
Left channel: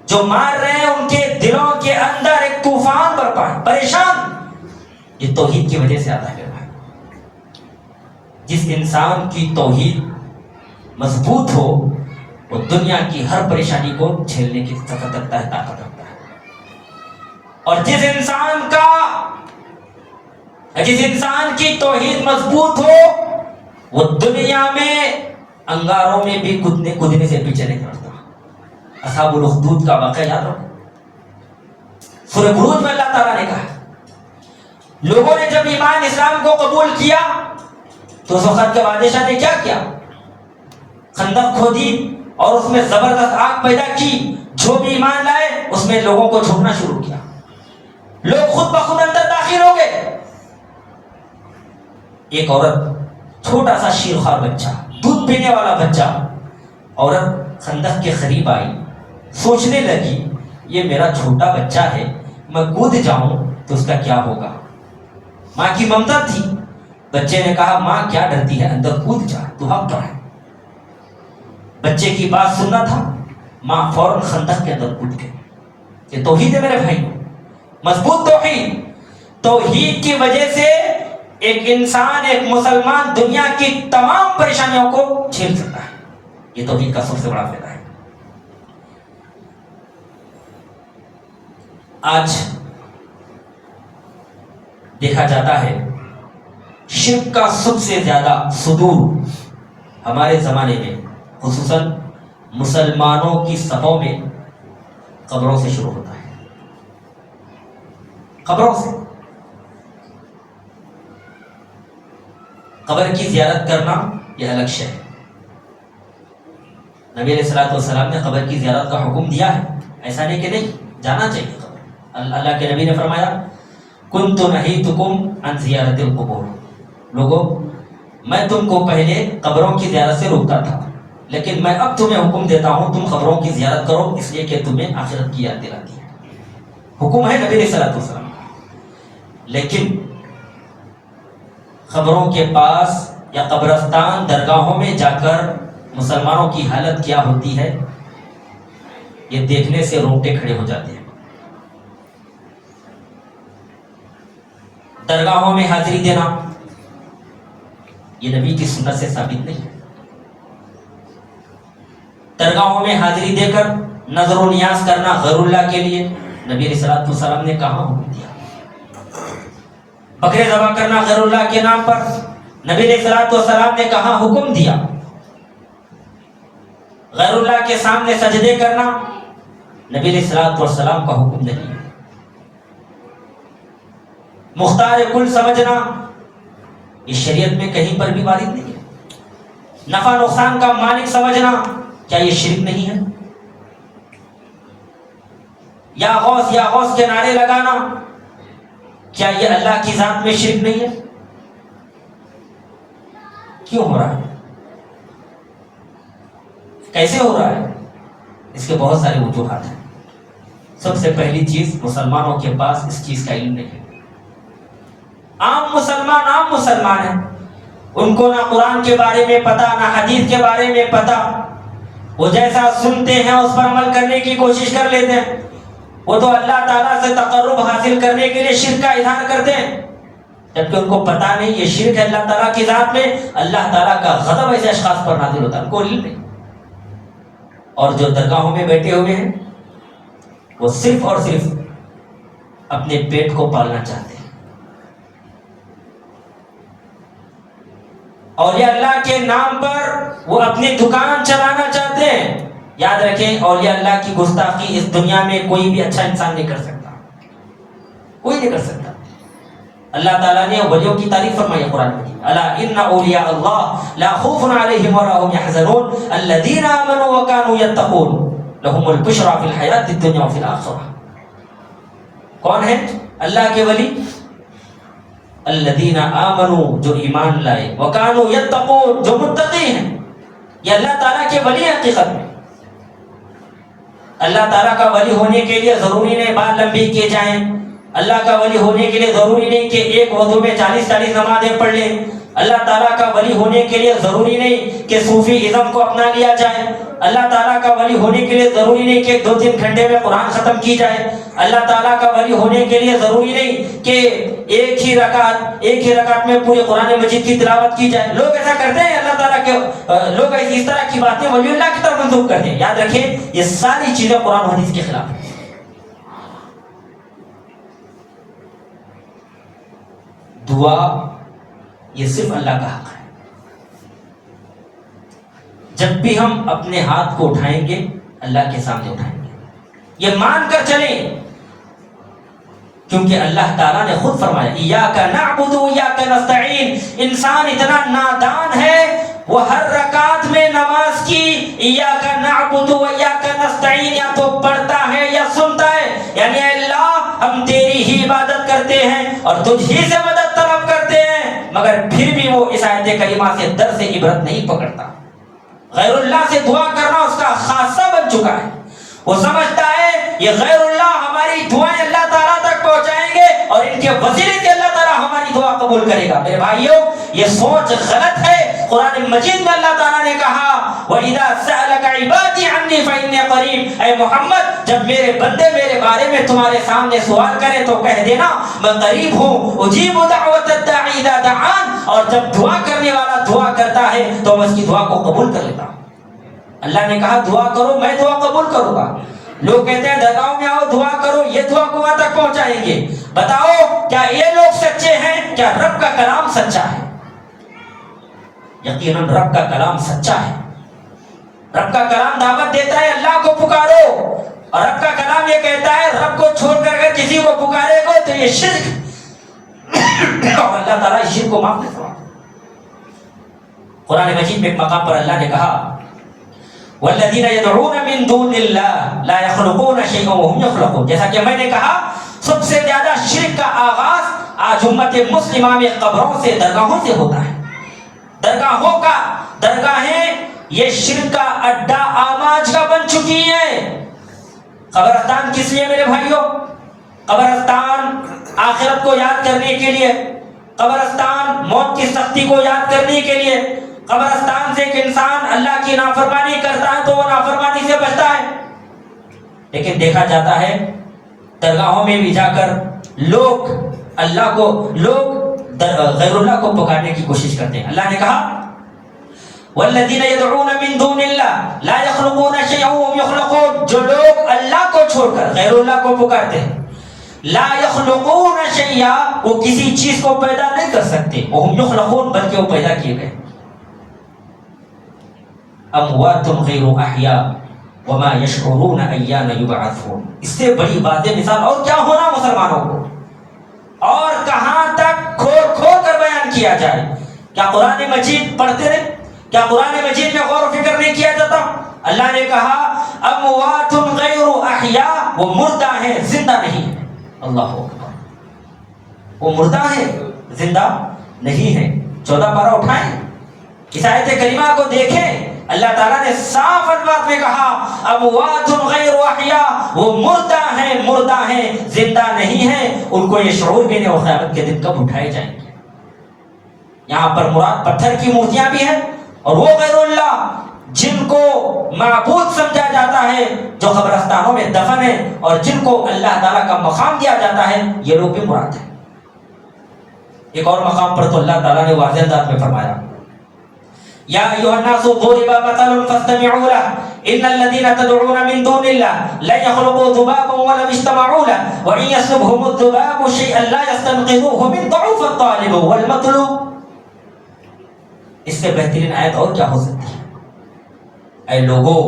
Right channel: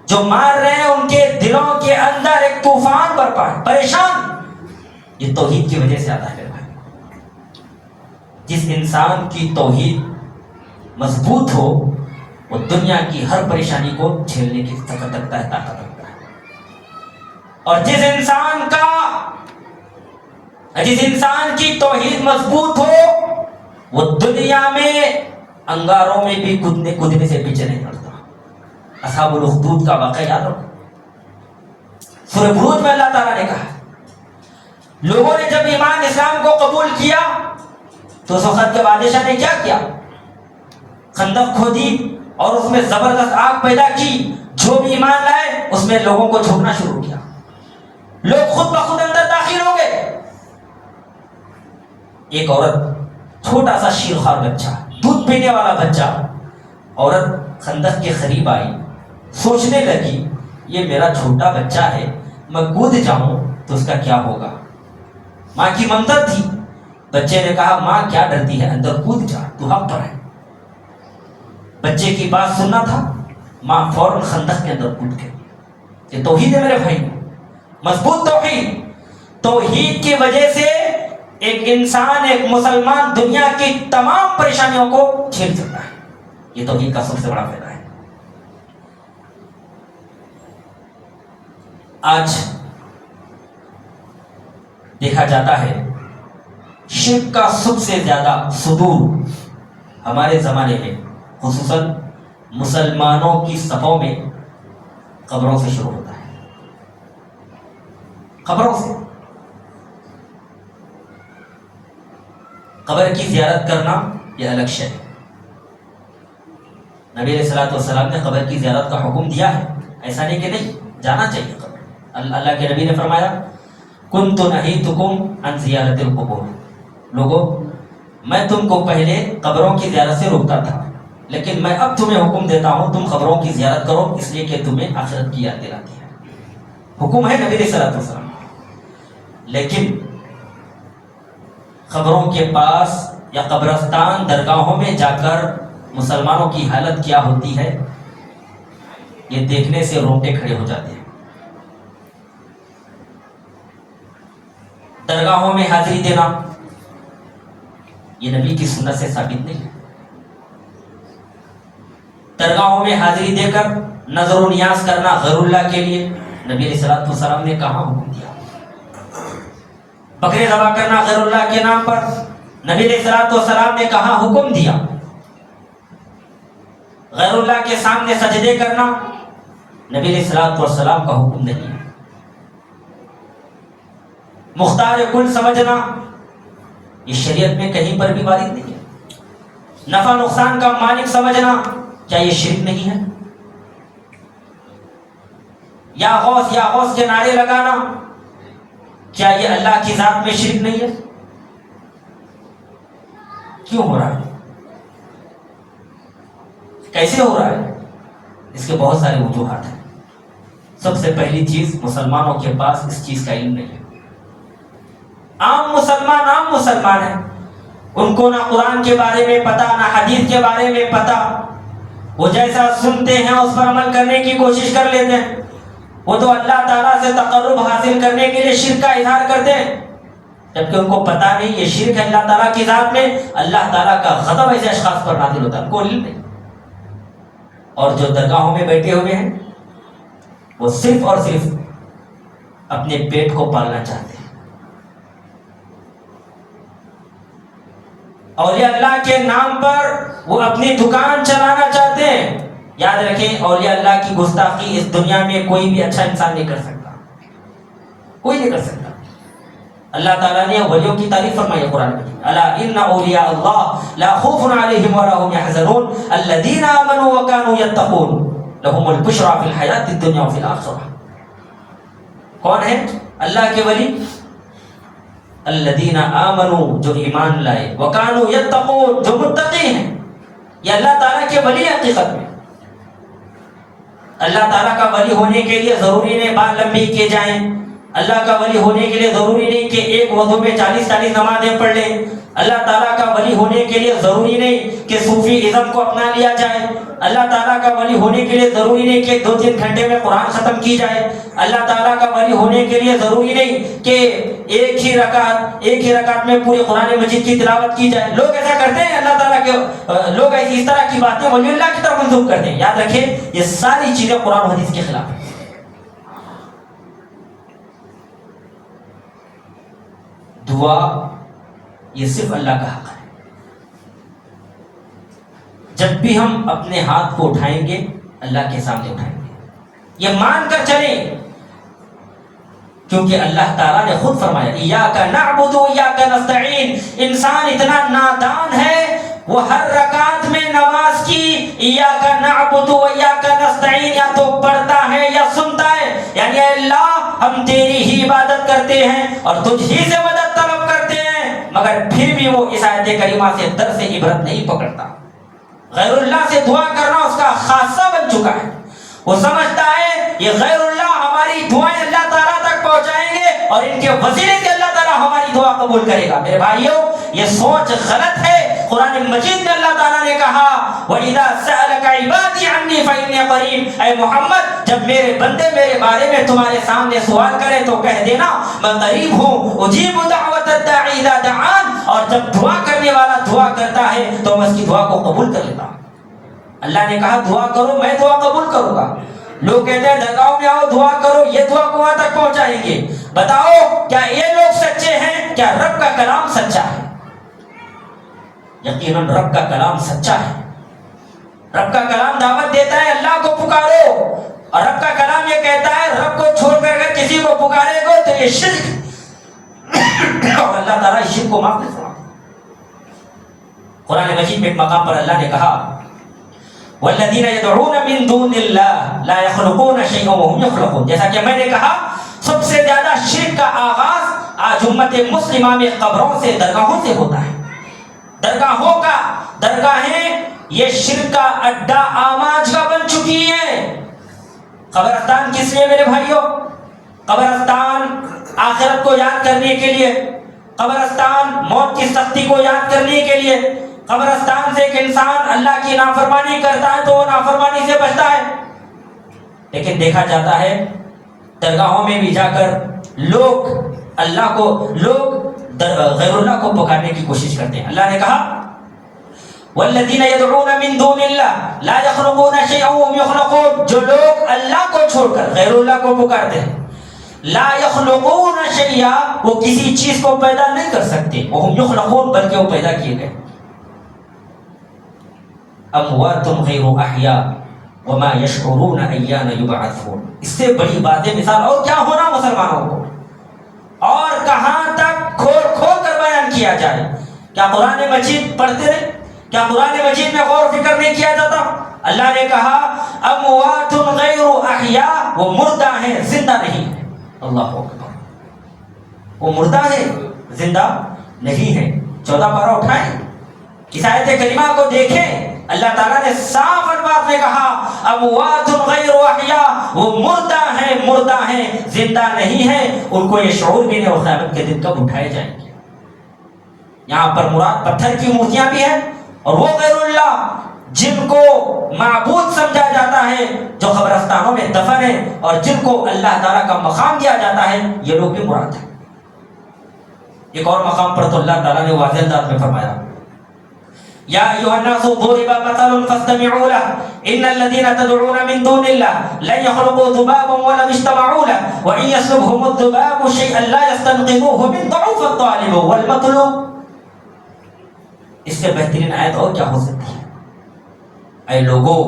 جو مار رہے ہیں ان کے دلوں کے اندر ایک طوفان برپا ہے، پریشان. یہ توحید کی وجہ سے آتا ہے. جس انسان کی توحید مضبوط ہو وہ دنیا کی ہر پریشانی کو جھیلنے کی طاقت رکھتا ہے، طاقت رکھتا ہے. اور جس انسان کی توحید مضبوط ہو وہ دنیا میں انگاروں میں بھی کودنے سے پیچھے نہیں ہٹتا. اصحاب الاخدود کا واقعہ یاد رکھو، سورہ بروج میں اللہ تعالیٰ نے کہا لوگوں نے جب ایمان اسلام کو قبول کیا تو اس وقت کے بادشاہ نے کیا کیا؟ خندق کھودی اور اس میں زبردست آگ پیدا کی. جو بھی ایمان لائے اس میں لوگوں کو چھوڑنا شروع کیا، لوگ خود بخود اندر داخل ہو گئے۔ ایک عورت، چھوٹا سا شیرخوار بچہ، دودھ پینے والا بچہ، عورت خندق کے قریب آئی، سوچنے لگی یہ میرا چھوٹا بچہ ہے، میں کود جاؤں تو اس کا کیا ہوگا۔ ماں کی ممتا تھی، بچے نے کہا ماں کیا ڈرتی ہے، اندر کود جا، تو حق پر ہے۔ بچے کی بات سننا تھا، ماں فوراً خندق کے اندر کود گئی۔ یہ توحید ہے میرے بھائی، مضبوط توحید۔ توحید کی وجہ سے ایک انسان، ایک مسلمان دنیا کی تمام پریشانیوں کو جھیل سکتا ہے۔ یہ توحید کا سب سے بڑا فائدہ ہے۔ آج دیکھا جاتا ہے شرک کا سب سے زیادہ صدور ہمارے زمانے میں، خصوصاً مسلمانوں کی صفوں میں، قبروں سے شروع ہوتا ہے۔ قبروں سے، قبر کی زیارت کرنا یہ الگ شے ہے۔ نبی علیہ الصلوۃ والسلام نے قبر کی زیارت کا حکم دیا ہے، ایسا نہیں کہ نہیں جانا چاہیے قبر۔ اللہ کے نبی نے فرمایا کنت نہیتکم عن زیارت القبور، لوگو میں تم کو پہلے قبروں کی زیارت سے روکتا تھا، لیکن میں اب تمہیں حکم دیتا ہوں تم قبروں کی زیارت کرو، اس لیے کہ تمہیں آخرت کی یاد دلاتی ہے۔ حکم ہے نبی علیہ الصلوۃ والسلام۔ لیکن قبروں کے پاس یا قبرستان، درگاہوں میں جا کر مسلمانوں کی حالت کیا ہوتی ہے، یہ دیکھنے سے رونگٹے کھڑے ہو جاتے ہیں۔ درگاہوں میں حاضری دینا یہ نبی کی سنت سے ثابت نہیں ہے۔ درگاہوں میں حاضری دے کر نظر و نیاز کرنا غیر اللہ کے لیے نبی علیہ الصلوۃ والسلام نے کہاں حکم دیا۔ بکرے ذبح کرنا غیر اللہ کے نام پر نبی علیہ الصلوۃ والسلام نے کہاں حکم دیا۔ غیر اللہ کے سامنے سجدے کرنا نبی علیہ الصلوۃ والسلام کا حکم نہیں ہے۔ مختار کل سمجھنا یہ شریعت میں کہیں پر بھی وارد نہیں ہے۔ نفع نقصان کا مالک سمجھنا کیا یہ شرک نہیں ہے؟ یا غوث کے نعرے لگانا کیا یہ اللہ کی ذات میں شرک نہیں ہے؟ کیوں ہو رہا ہے؟ کیسے ہو رہا ہے؟ اس کے بہت سارے وجوہات ہیں۔ سب سے پہلی چیز، مسلمانوں کے پاس اس چیز کا علم نہیں ہے۔ عام مسلمان ہیں، ان کو نہ قرآن کے بارے میں پتا، نہ حدیث کے بارے میں پتا، وہ جیسا سنتے ہیں اس پر عمل کرنے کی کوشش کر لیتے ہیں۔ وہ تو اللہ تعالیٰ سے تقرب حاصل کرنے کے لیے شرک کا اظہار کرتے ہیں، جبکہ ان کو پتا نہیں یہ شرک ہے اللہ تعالیٰ کی ذات میں، اللہ تعالیٰ کا غضب ایسے اشخاص پر نازل ہوتا ہے، ان کو علم نہیں۔ اور جو درگاہوں میں بیٹھے ہوئے ہیں وہ صرف اور صرف اپنے پیٹ کو پالنا چاہتے ہیں۔ اولیاء اللہ کے نام پر وہ اپنی دکان چلانا چاہتے ہیں۔ یاد رکھیں، اولیاء اللہ کی گستاخی اس دنیا میں کوئی بھی اچھا انسان نہیں کر سکتا، کوئی نہیں کر سکتا۔ اللہ تعالیٰ نے ولیوں کی تعریف فرمائی قرآن میں، الا ان اولیاء اللہ لا خوف علیہم ولا هم يحزنون الذین آمنوا وكانوا يتقون لهم البشرى فی الحیاۃ الدنیا وفی الآخرہ۔ کون ہے اللہ کے ولی؟ الذین آمنوا، جو ایمان لائے، وکانوا یتقون، جو متقی ہیں۔ یہ اللہ تعالیٰ کے ولی ہیں حقیقت میں۔ اللہ تعالیٰ کا ولی ہونے کے لیے ضروری نہیں بال لمبی کیے جائیں، اللہ کا ولی ہونے کے لیے ضروری نہیں کہ ایک وضو میں 40 نمازیں پڑھ لیں، اللہ تعالیٰ کا ولی ہونے کے لیے ضروری نہیں کہ صوفی ازم کو اپنا لیا جائے، اللہ تعالیٰ کا ولی ہونے کے لیے ضروری نہیں کہ 2-3 گھنٹے میں قرآن ختم کی جائے، اللہ تعالیٰ کا ولی ہونے کے لیے ضروری نہیں کہ ایک ہی رکعت میں پورے قرآن مجید کی تلاوت کی جائے۔ لوگ ایسا کرتے ہیں، اللہ تعالیٰ کے لوگ اس طرح کی باتیں ولی اللہ کی طرف منسوخ کرتے ہیں۔ یاد رکھیں یہ ساری چیزیں قرآن و حدیث کے خلاف ہیں۔ دعا یہ صرف اللہ کا حق ہے۔ جب بھی ہم اپنے ہاتھ کو اٹھائیں گے اللہ کے سامنے اٹھائیں گے، یہ مان کر چلیں، کیونکہ اللہ تعالیٰ نے خود فرمایا ایاک نعبد و ایاک نستعین۔ انسان اتنا نادان ہے وہ ہر رکعت میں نماز کی ایاک نعبد و ایاک نستعین یا تو پڑھتا ہے یا سنتا اور تجھ ہی سے مدد طلب کرتے ہیں، مگر پھر بھی وہ اس آیت کریمہ سے درس عبرت نہیں پکڑتا۔ غیر اللہ سے دعا کرنا اس کا خاصہ بن چکا ہے۔ وہ سمجھتا ہے یہ غیر اللہ ہماری دعائیں اللہ تعالیٰ تک پہنچائیں گے اور ان کے وسیلے سے اللہ تعالیٰ ہماری دعا قبول کرے گا۔ میرے بھائیوں، یہ سوچ غلط ہے۔ قرآن مجید میں اللہ تعالیٰ نے کہا وَإِذَا سَأَلَكَ عِبَادِي عَنِّي فَإِنِّي قَرِيبٌ، اے محمد جب میرے بندے میرے بارے میں تمہارے سامنے سوال کرے تو کہہ دینا میں قریب ہوں، اجیب دعوت الداعی اذا دعان، اور جب دعا کرنے والا دعا کرتا ہے تو میں اس کی دعا کو قبول کر لیتا ہوں۔ اللہ نے کہا دعا کرو، میں دعا قبول کروں گا۔ لوگ کہتے ہیں درگاہوں میں آؤ دعا کرو، یہ دعا کو وہاں تک پہنچائیں گے۔ بتاؤ کیا یہ لوگ سچے ہیں؟ کیا رب کا کلام سچا ہے؟ یقیناً رب کا کلام سچا ہے۔ رب کا کلام دعوت دیتا ہے اللہ کو پکارو، اور رب کا کلام یہ کہتا ہے رب کو چھوڑ کر اگر کسی کو پکارے گا تو یہ شرک، اور اللہ تعالیٰ اس شرک کو معاف نہیں فرماتا۔ قرآن مجید میں ایک مقام پر اللہ نے کہا والذین یدعون من دون اللہ لا یخلقون شیئا وهم یخلقون، جیسا کہ میں نے کہا سب سے زیادہ شرک کا آغاز آج امت مسلمہ میں قبروں سے، درگاہوں سے ہوتا ہے۔ درگاہیں یہ شرک کا اڈا آماج کا بن چکی ہے۔ قبرستان کس لیے میرے بھائیوں؟ قبرستان آخرت کو یاد کرنے کے لیے، قبرستان موت کی سختی کو یاد کرنے کے لیے، قبرستان سے ایک انسان اللہ کی نافرمانی کرتا ہے تو وہ نافرمانی سے بچتا ہے۔ لیکن دیکھا جاتا ہے درگاہوں میں بھی جا کر لوگ غیر اللہ کو پکارنے کی کوشش کرتے ہیں۔ اللہ نے کہا والذین یدعون من دون اللہ لا یخلقون شیئا وهم یخلقون، جو لوگ اللہ کو چھوڑ کر غیر اللہ کو پکارتے ہیں، لا یخلقون شیئا، وہ کسی چیز کو پیدا نہیں کر سکتے، وهم یخلقون، بلکہ وہ پیدا کیے گئے۔ اموات غیر احیاء وما یشعرون ایان یبعثون، اس سے بڑی واضح مثال اور کیا ہونا مسلمانوں کو، اور کہاں تک کھول کھول کر بیان کیا جائے۔ کیا قرآن مجید پڑھتے رہے؟ کیا قرآن مجید میں غور و فکر نہیں کیا جاتا؟ اللہ نے کہا اموات غیر احیاء، وہ مردہ ہیں زندہ نہیں ہیں۔ اللہ اکبر، وہ مردہ ہیں زندہ نہیں ہیں۔ 14 پارہ اٹھائیں، اس آیت کریمہ کو دیکھیں، اللہ تعالیٰ نے صاف الفاظ میں کہا اموات غیر احیاء، وہ مردہ ہیں زندہ نہیں ہیں، ان کو یہ شعور بھی نہیں اور قیامت کے دن کب اٹھائے جائیں گے۔ یہاں پر مراد پتھر کی مورتیاں بھی ہیں، اور وہ غیر اللہ جن کو معبود سمجھا جاتا ہے جو قبرستانوں میں دفن ہیں، اور جن کو اللہ تعالیٰ کا مقام دیا جاتا ہے، یہ لوگ بھی مراد ہیں۔ ایک اور مقام پر تو اللہ تعالیٰ نے واضح انداز میں فرمایا یا ایھا الناس ضرب مثل فاستمعوا له ان الذين تدعون من دون الله لن يخلقوا ذبابا ولو اجتمعوا له وان يسلبهم الذباب شيئا لا يستنقذوه من ضعف الطالب والمطلوب۔ اس سے بہترین آیت اور کیا ہو سکتی ہے؟ اے لوگوں،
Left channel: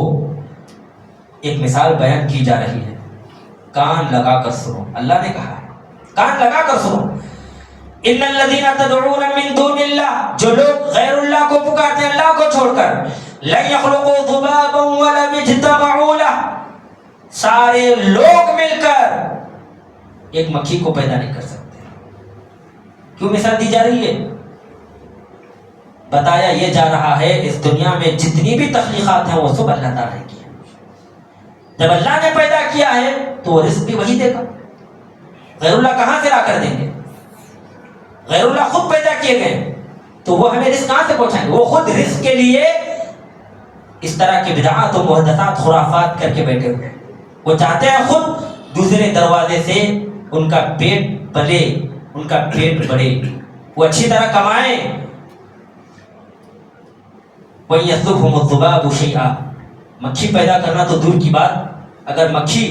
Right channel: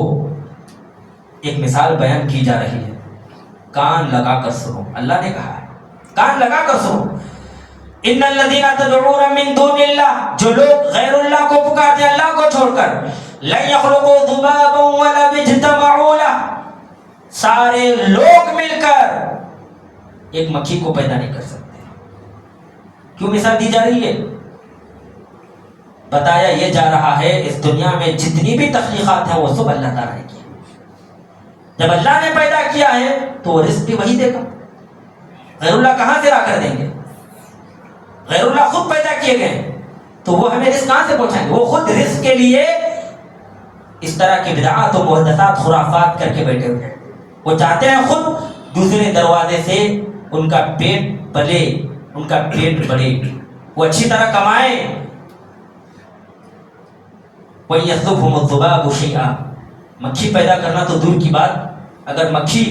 ایک مثال بیان کی جا رہی ہے، کان لگا کر سنو۔ اللہ نے کہا ہے کان لگا کر سنو۔ ان الذین تدعون من دون اللہ، جو لوگ غیر اللہ کو پکارتے ہیں اللہ کو چھوڑ کر، لن یخلقوا ذبابا ولو اجتمعوا له، سارے لوگ مل کر ایک مکھی کو پیدا نہیں کر سکتے۔ کیوں مثال دی جا رہی ہے؟ بتایا یہ جا رہا ہے اس دنیا میں جتنی بھی تخلیقات ہیں وہ سب اللہ تعالیٰ نے کی۔ جب اللہ نے پیدا کیا ہے تو وہ رزق بھی وہی دے گا۔ غیر اللہ کہاں سے لا کر دیں گے؟ غیر اللہ خود پیدا کیے گئے تو وہ ہمیں رزق کہاں سے پہنچائیں گے؟ وہ خود رزق کے لیے اس طرح کی بدعات و محدثات خرافات کر کے بیٹھے ہوئے ہیں۔ وہ چاہتے ہیں خود دوسرے دروازے سے ان کا پیٹ پلے، ان کا پیٹ بڑھے، وہ اچھی طرح کمائیں۔ وَيَسْلُبْهُمُ الذُّبَابُ شَيْئًا، مکھی پیدا کرنا تو دور کی بات، اگر مکھی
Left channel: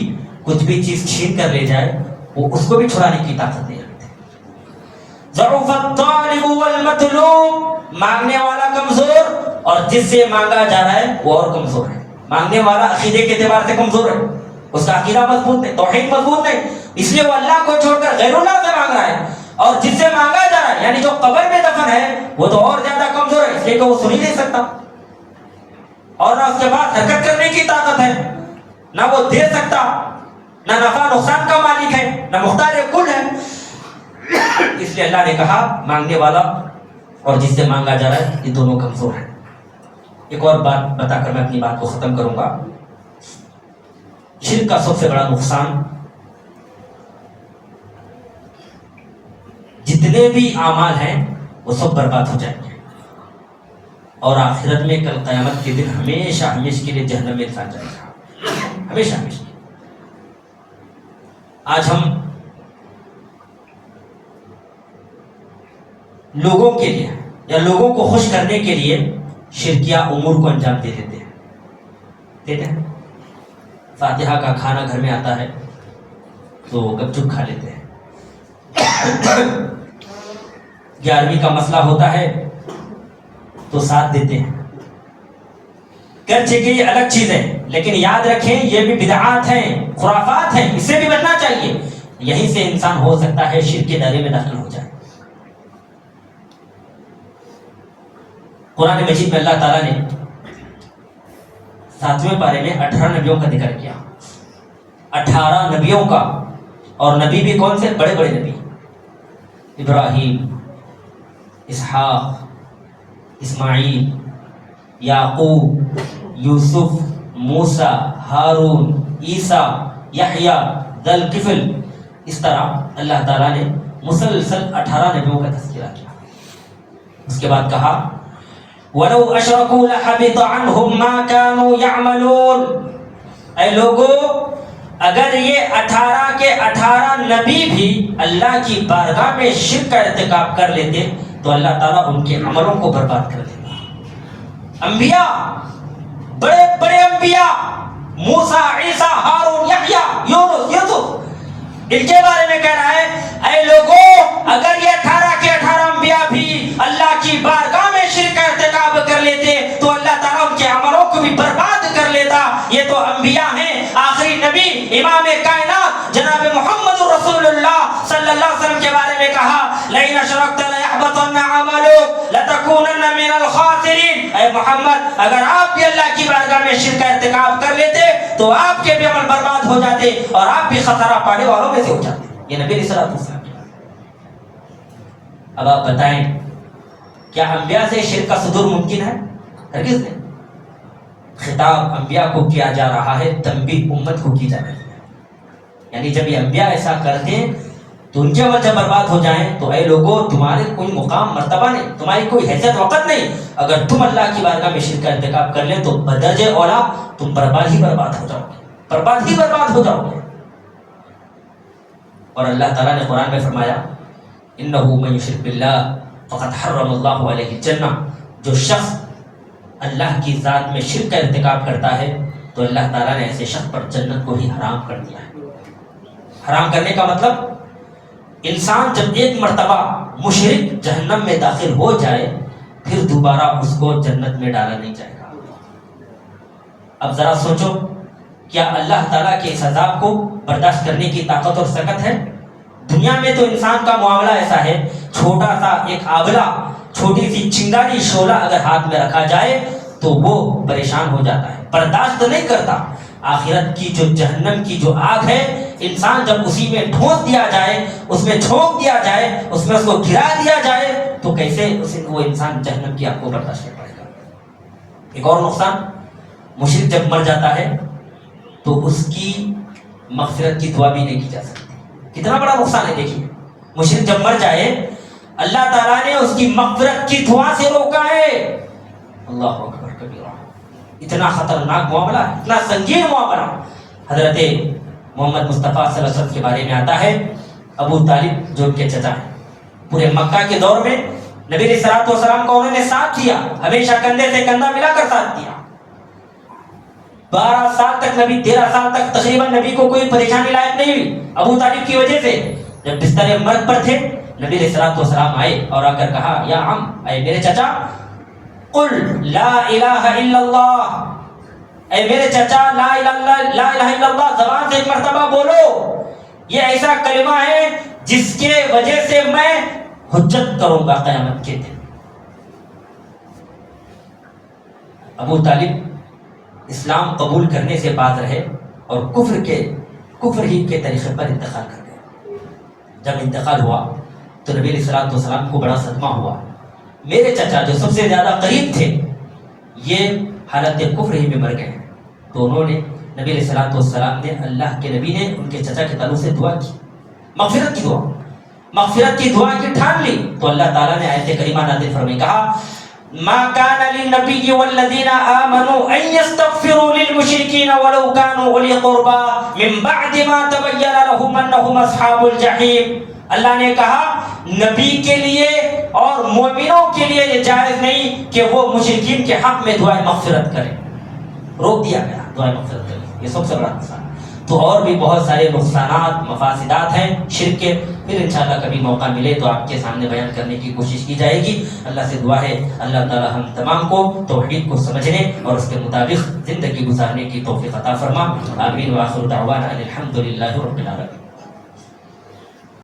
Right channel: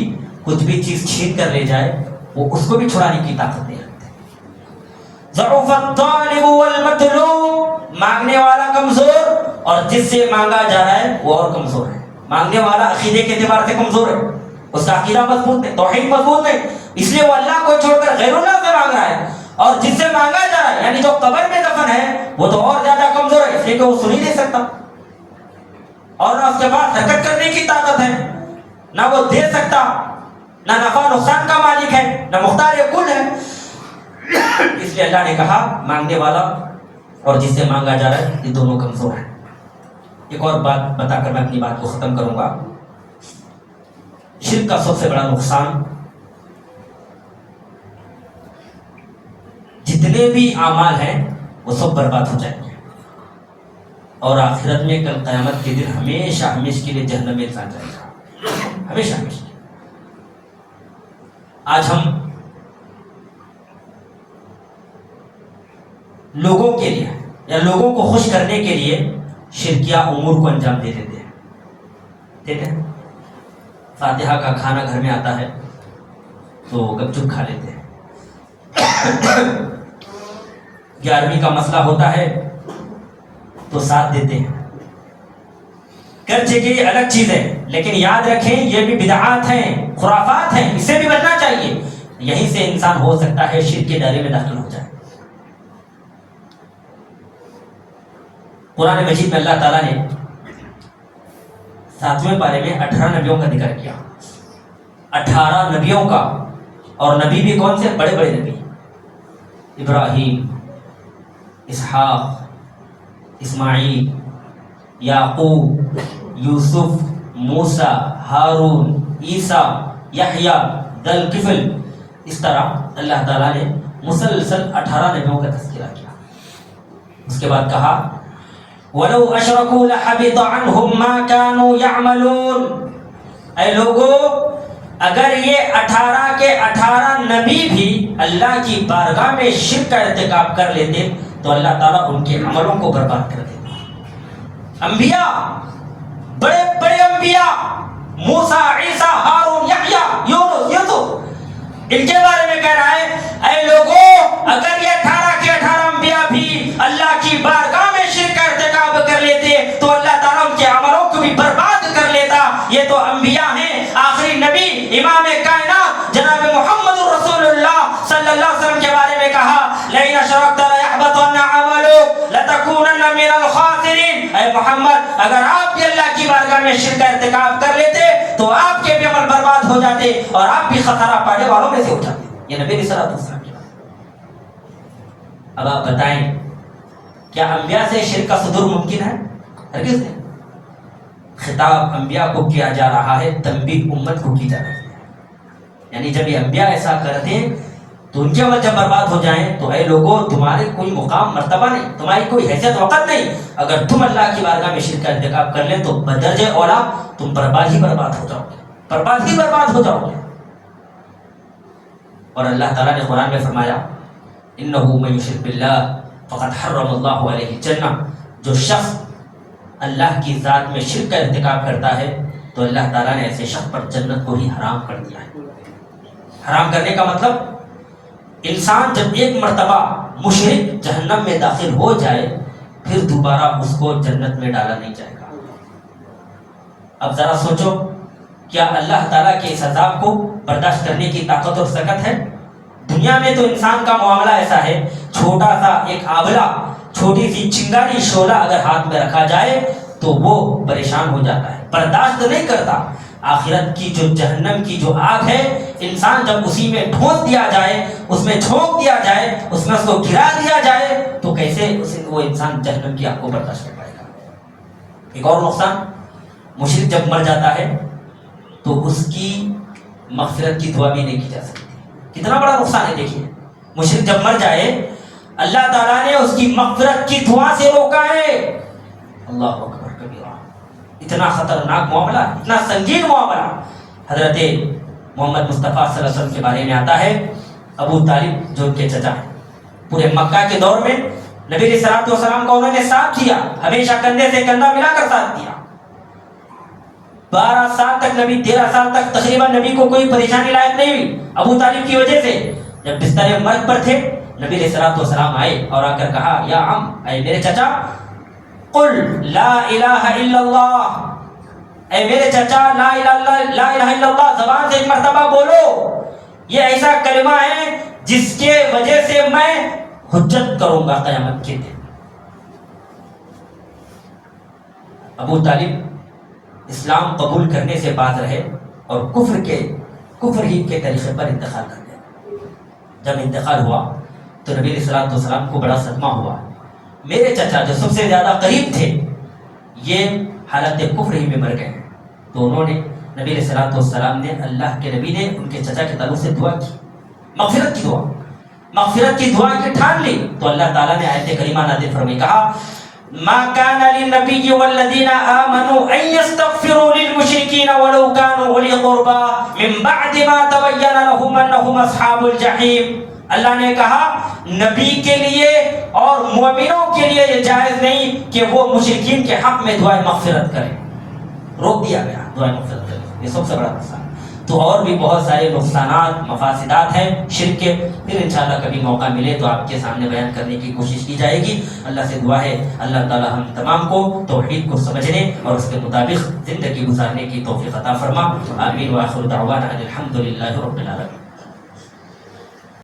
کچھ بھی چیز چھین کر لے جائے وہ اس کو بھی چھڑانے کی طاقت ہے۔ ضعف الطالب والمطلوب، مانگنے والا کمزور اور جس سے مانگا جا رہا ہے وہ اور کمزور ہے۔ مانگنے والا عقیدے کے اعتبار سے کمزور ہے، اس کا عقیدہ مضبوط نہیں، توحید مضبوط نہیں، اس لیے وہ اللہ کو چھوڑ کر غیر اللہ سے مانگ رہا ہے، اور جس سے مانگا جا رہا ہے یعنی جو قبر میں دفن ہے وہ تو اور زیادہ کمزور ہے، اس لیے کہ وہ سن ہی نہیں سکتا، اور نہ اس کے پاس حرکت کرنے کی طاقت ہے، نہ وہ دے سکتا، نہ نفع نقصان کا مالک ہے، نہ مختار کل ہے۔ اس لیے اللہ نے کہا مانگنے والا اور جس سے مانگا جا رہا ہے یہ دونوں کمزور ہیں۔ ایک اور بات بتا کر میں اپنی بات کو ختم کروں گا۔ شرک کا سب سے بڑا نقصان جتنے بھی اعمال ہیں وہ سب برباد ہو جائیں گے، اور آخرت میں کل قیامت کے دن ہمیشہ ہمیشہ کے لیے جہنم میں انسان جائے گا، ہمیشہ ہمیشہ۔ آج ہم لوگوں کے لیے یا لوگوں کو خوش کرنے کے لیے شرکیہ امور کو انجام دے دیتے ہیں۔ ٹھیک ہے، فاتحہ کا کھانا گھر میں آتا ہے تو گپ چپ کھا لیتے ہیں، 11ویں کا مسئلہ ہوتا ہے تو ساتھ دیتے ہیں۔ گرچہ کہ یہ الگ چیز ہے لیکن یاد رکھیں یہ بھی بدعات ہیں، خرافات ہیں، اس سے بھی بچنا چاہیے۔ یہیں سے انسان ہو سکتا ہے شرک کے دائرے میں داخل ہو جائے۔ قرآن مجید میں اللہ تعالیٰ نے 7ویں پارے میں 18 نبیوں کا ذکر کیا، 18 نبیوں کا، اور نبی بھی کون سے؟ بڑے بڑے نبی، ابراہیم، اسحاق، اسماعیل، یعقوب، یوسف، موسیٰ، ہارون، عیسیٰ، یحییٰ، ذوالکفل۔ اس طرح اللہ تعالیٰ نے مسلسل 18 نبیوں کا تذکرہ کیا۔ اس کے بعد کہا وَلَوْ أَشْرَكُوا لَحَبِطَ عَنْهُمْ مَا كَانُوا يَعْمَلُونَ۔ اے لوگو، اگر یہ 18 کے 18 نبی بھی اللہ کی بارگاہ میں شرک کا ارتکاب کر لیتے تو اللہ تعالیٰ ان کے عملوں کو برباد کر دیتا۔ انبیاء، بڑے بڑے انبیاء، موسیٰ، عیسیٰ، ہارون، یحییٰ، یونس، یوسف، ان کے بارے میں کہہ رہا ہے اے لوگو، اگر یہ 18 کے 18 انبیاء بھی اللہ کی بارگاہ میں شرک کا ارتکاب کر لیتے تو اللہ تعالیٰ ان کے عملوں کو بھی برباد کر لیتا۔ یہ تو انبیاء ہیں، آخری نبی امام کائنات جناب محمد رسول اللہ صلی اللہ علیہ وسلم کے بارے میں کہا لَئِنْ أَشْرَكْتَ لَيَحْبَطَنَّ عَمَلُكَ لَتَكُونَنَّ مِنَ الْخَاسِرِينَ۔ اے محمد، اگر آپ بھی اللہ کی بارگاہ میں شرک کا ارتکاب کر لیتے تو آپ کے بھی عمل برباد ہو جاتے اور آپ بھی خسارہ پانے والوں میں سے ہو جاتے۔ یہ نبی صلی اللہ علیہ وسلم کی بات۔ اب آپ بتائیں کیا انبیاء سے شرک کا صدور ممکن ہے؟ ہرگز نہیں۔ خطاب انبیاء کو کیا جا رہا ہے، تنبیہ امت کو کی جا رہی ہے۔ یعنی جب یہ انبیاء ایسا کرتے ہیں تو ان کے عمل جب برباد ہو جائیں تو اے لوگوں، تمہارے کوئی مقام مرتبہ نہیں، تمہاری کوئی حیثیت وقت نہیں۔ اگر تم اللہ کی بارگاہ میں شرک کا ارتکاب کر لیں تو بدرجہ اولا تم برباد ہی برباد ہو جاؤ گے، برباد ہی برباد ہو جاؤ گے۔ اور اللہ تعالیٰ نے قرآن میں فرمایا انه من یشرک باللہ فقد حرم اللہ علیہ الجنہ۔ جو شخص اللہ کی ذات میں شرک کا ارتکاب کرتا ہے تو اللہ تعالیٰ نے ایسے شخص پر جنت کو ہی حرام کر دیا ہے۔ حرام کرنے کا مطلب انسان جب ایک مرتبہ مشرک جہنم میں داخل ہو جائے پھر دوبارہ اس کو جنت میں ڈالا نہیں جائے گا۔ اب ذرا سوچو، کیا اللہ تعالیٰ کے اس عذاب کو برداشت کرنے کی طاقت اور سکت ہے؟ دنیا میں تو انسان کا معاملہ ایسا ہے، چھوٹا سا ایک آبلہ، چھوٹی سی چنگاری شعلہ اگر ہاتھ میں رکھا جائے تو وہ پریشان ہو جاتا ہے، برداشت نہیں کرتا۔ آخرت کی جو جہنم کی جو آگ ہے، انسان جب اسی میں ڈھونس دیا جائے، اس میں جھونک دیا جائے، اس میں اس کو گرا دیا جائے تو کیسے وہ انسان جہنم کی آگ کو برداشت کر پائے گا؟ ایک اور نقصان، مشرک جب مر جاتا ہے تو اس کی مغفرت کی دعا بھی نہیں کی جا سکتی۔ کتنا بڑا نقصان ہے دیکھیے، مشرک جب مر جائے اللہ تعالیٰ نے اس کی مغفرت کی دعا سے روکا ہے۔ اللہ اکبر کبیرہ، اتنا خطرناک معاملہ، اتنا سنگین معاملہ۔ حضرت محمد مصطفیٰ صلی اللہ علیہ وسلم کے بارے میں آتا ہے، ابو طالب جو ان کے چچا ہیں، پورے مکہ کے دور میں نبی علیہ الصلوۃ والسلام کو انہوں نے ساتھ کیا، ہمیشہ کندھے سے کندھا ملا کر ساتھ دیا۔ 12 سال تک نبی، 13 سال تک تقریباً نبی کو کوئی پریشانی لاحق نہیں ہوئی ابو طالب کی وجہ سے۔ جب بستر مرگ پر تھے نبی علیہ الصلوۃ والسلام آئے اور آ کر کہا یا عم، اے میرے چچا، قل لا الہ الا اللہ، اے میرے چچا لا الہ الا اللہ زبان سے ایک مرتبہ بولو، یہ ایسا کلمہ ہے جس کے وجہ سے میں حجت کروں گا قیامت کے دن۔ ابو طالب اسلام قبول کرنے سے باز رہے اور کفر ہی کے طریقے پر انتقال کر گئے۔ جب انتقال ہوا تو نبی علیہ السلام کو بڑا صدمہ ہوا. میرے چچا جو سب سے زیادہ قریب تھے یہ حالت کفر ہی میں مر گئے. تو انہوں نے نبی علیہ السلام نے اللہ کے نبی نے ان کے چچا کے تعلق سے دعا کی, مغفرت کی دعا کی ٹھان لی. تو اللہ تعالیٰ نے آیت کریمہ نازل فرمائی, کہا ما كان للنبي والذين آمنوا أن يستغفروا للمشركين ولو كانوا أولي قربى من بعد ما تبين لهم أنهم أصحاب الجحيم. اللہ نے کہا نبی کے لیے اور مومنوں کے لیے یہ جائز نہیں کہ وہ مشرکین کے حق میں دعائیں مغفرت کریں. روک دیا گیا دعائیں مغفرت کریں, یہ سب سے بڑا نقصان. تو اور بھی بہت سارے نقصانات مفاسدات ہیں شرک کے, پھر انشاءاللہ کبھی موقع ملے تو آپ کے سامنے بیان کرنے کی کوشش کی جائے گی. اللہ سے دعا ہے اللہ تعالی ہم تمام کو توحید کو سمجھنے اور اس کے مطابق زندگی گزارنے کی توفیق عطا فرما. آمین. وآخر دعوانا الحمدللہ رب العالمین.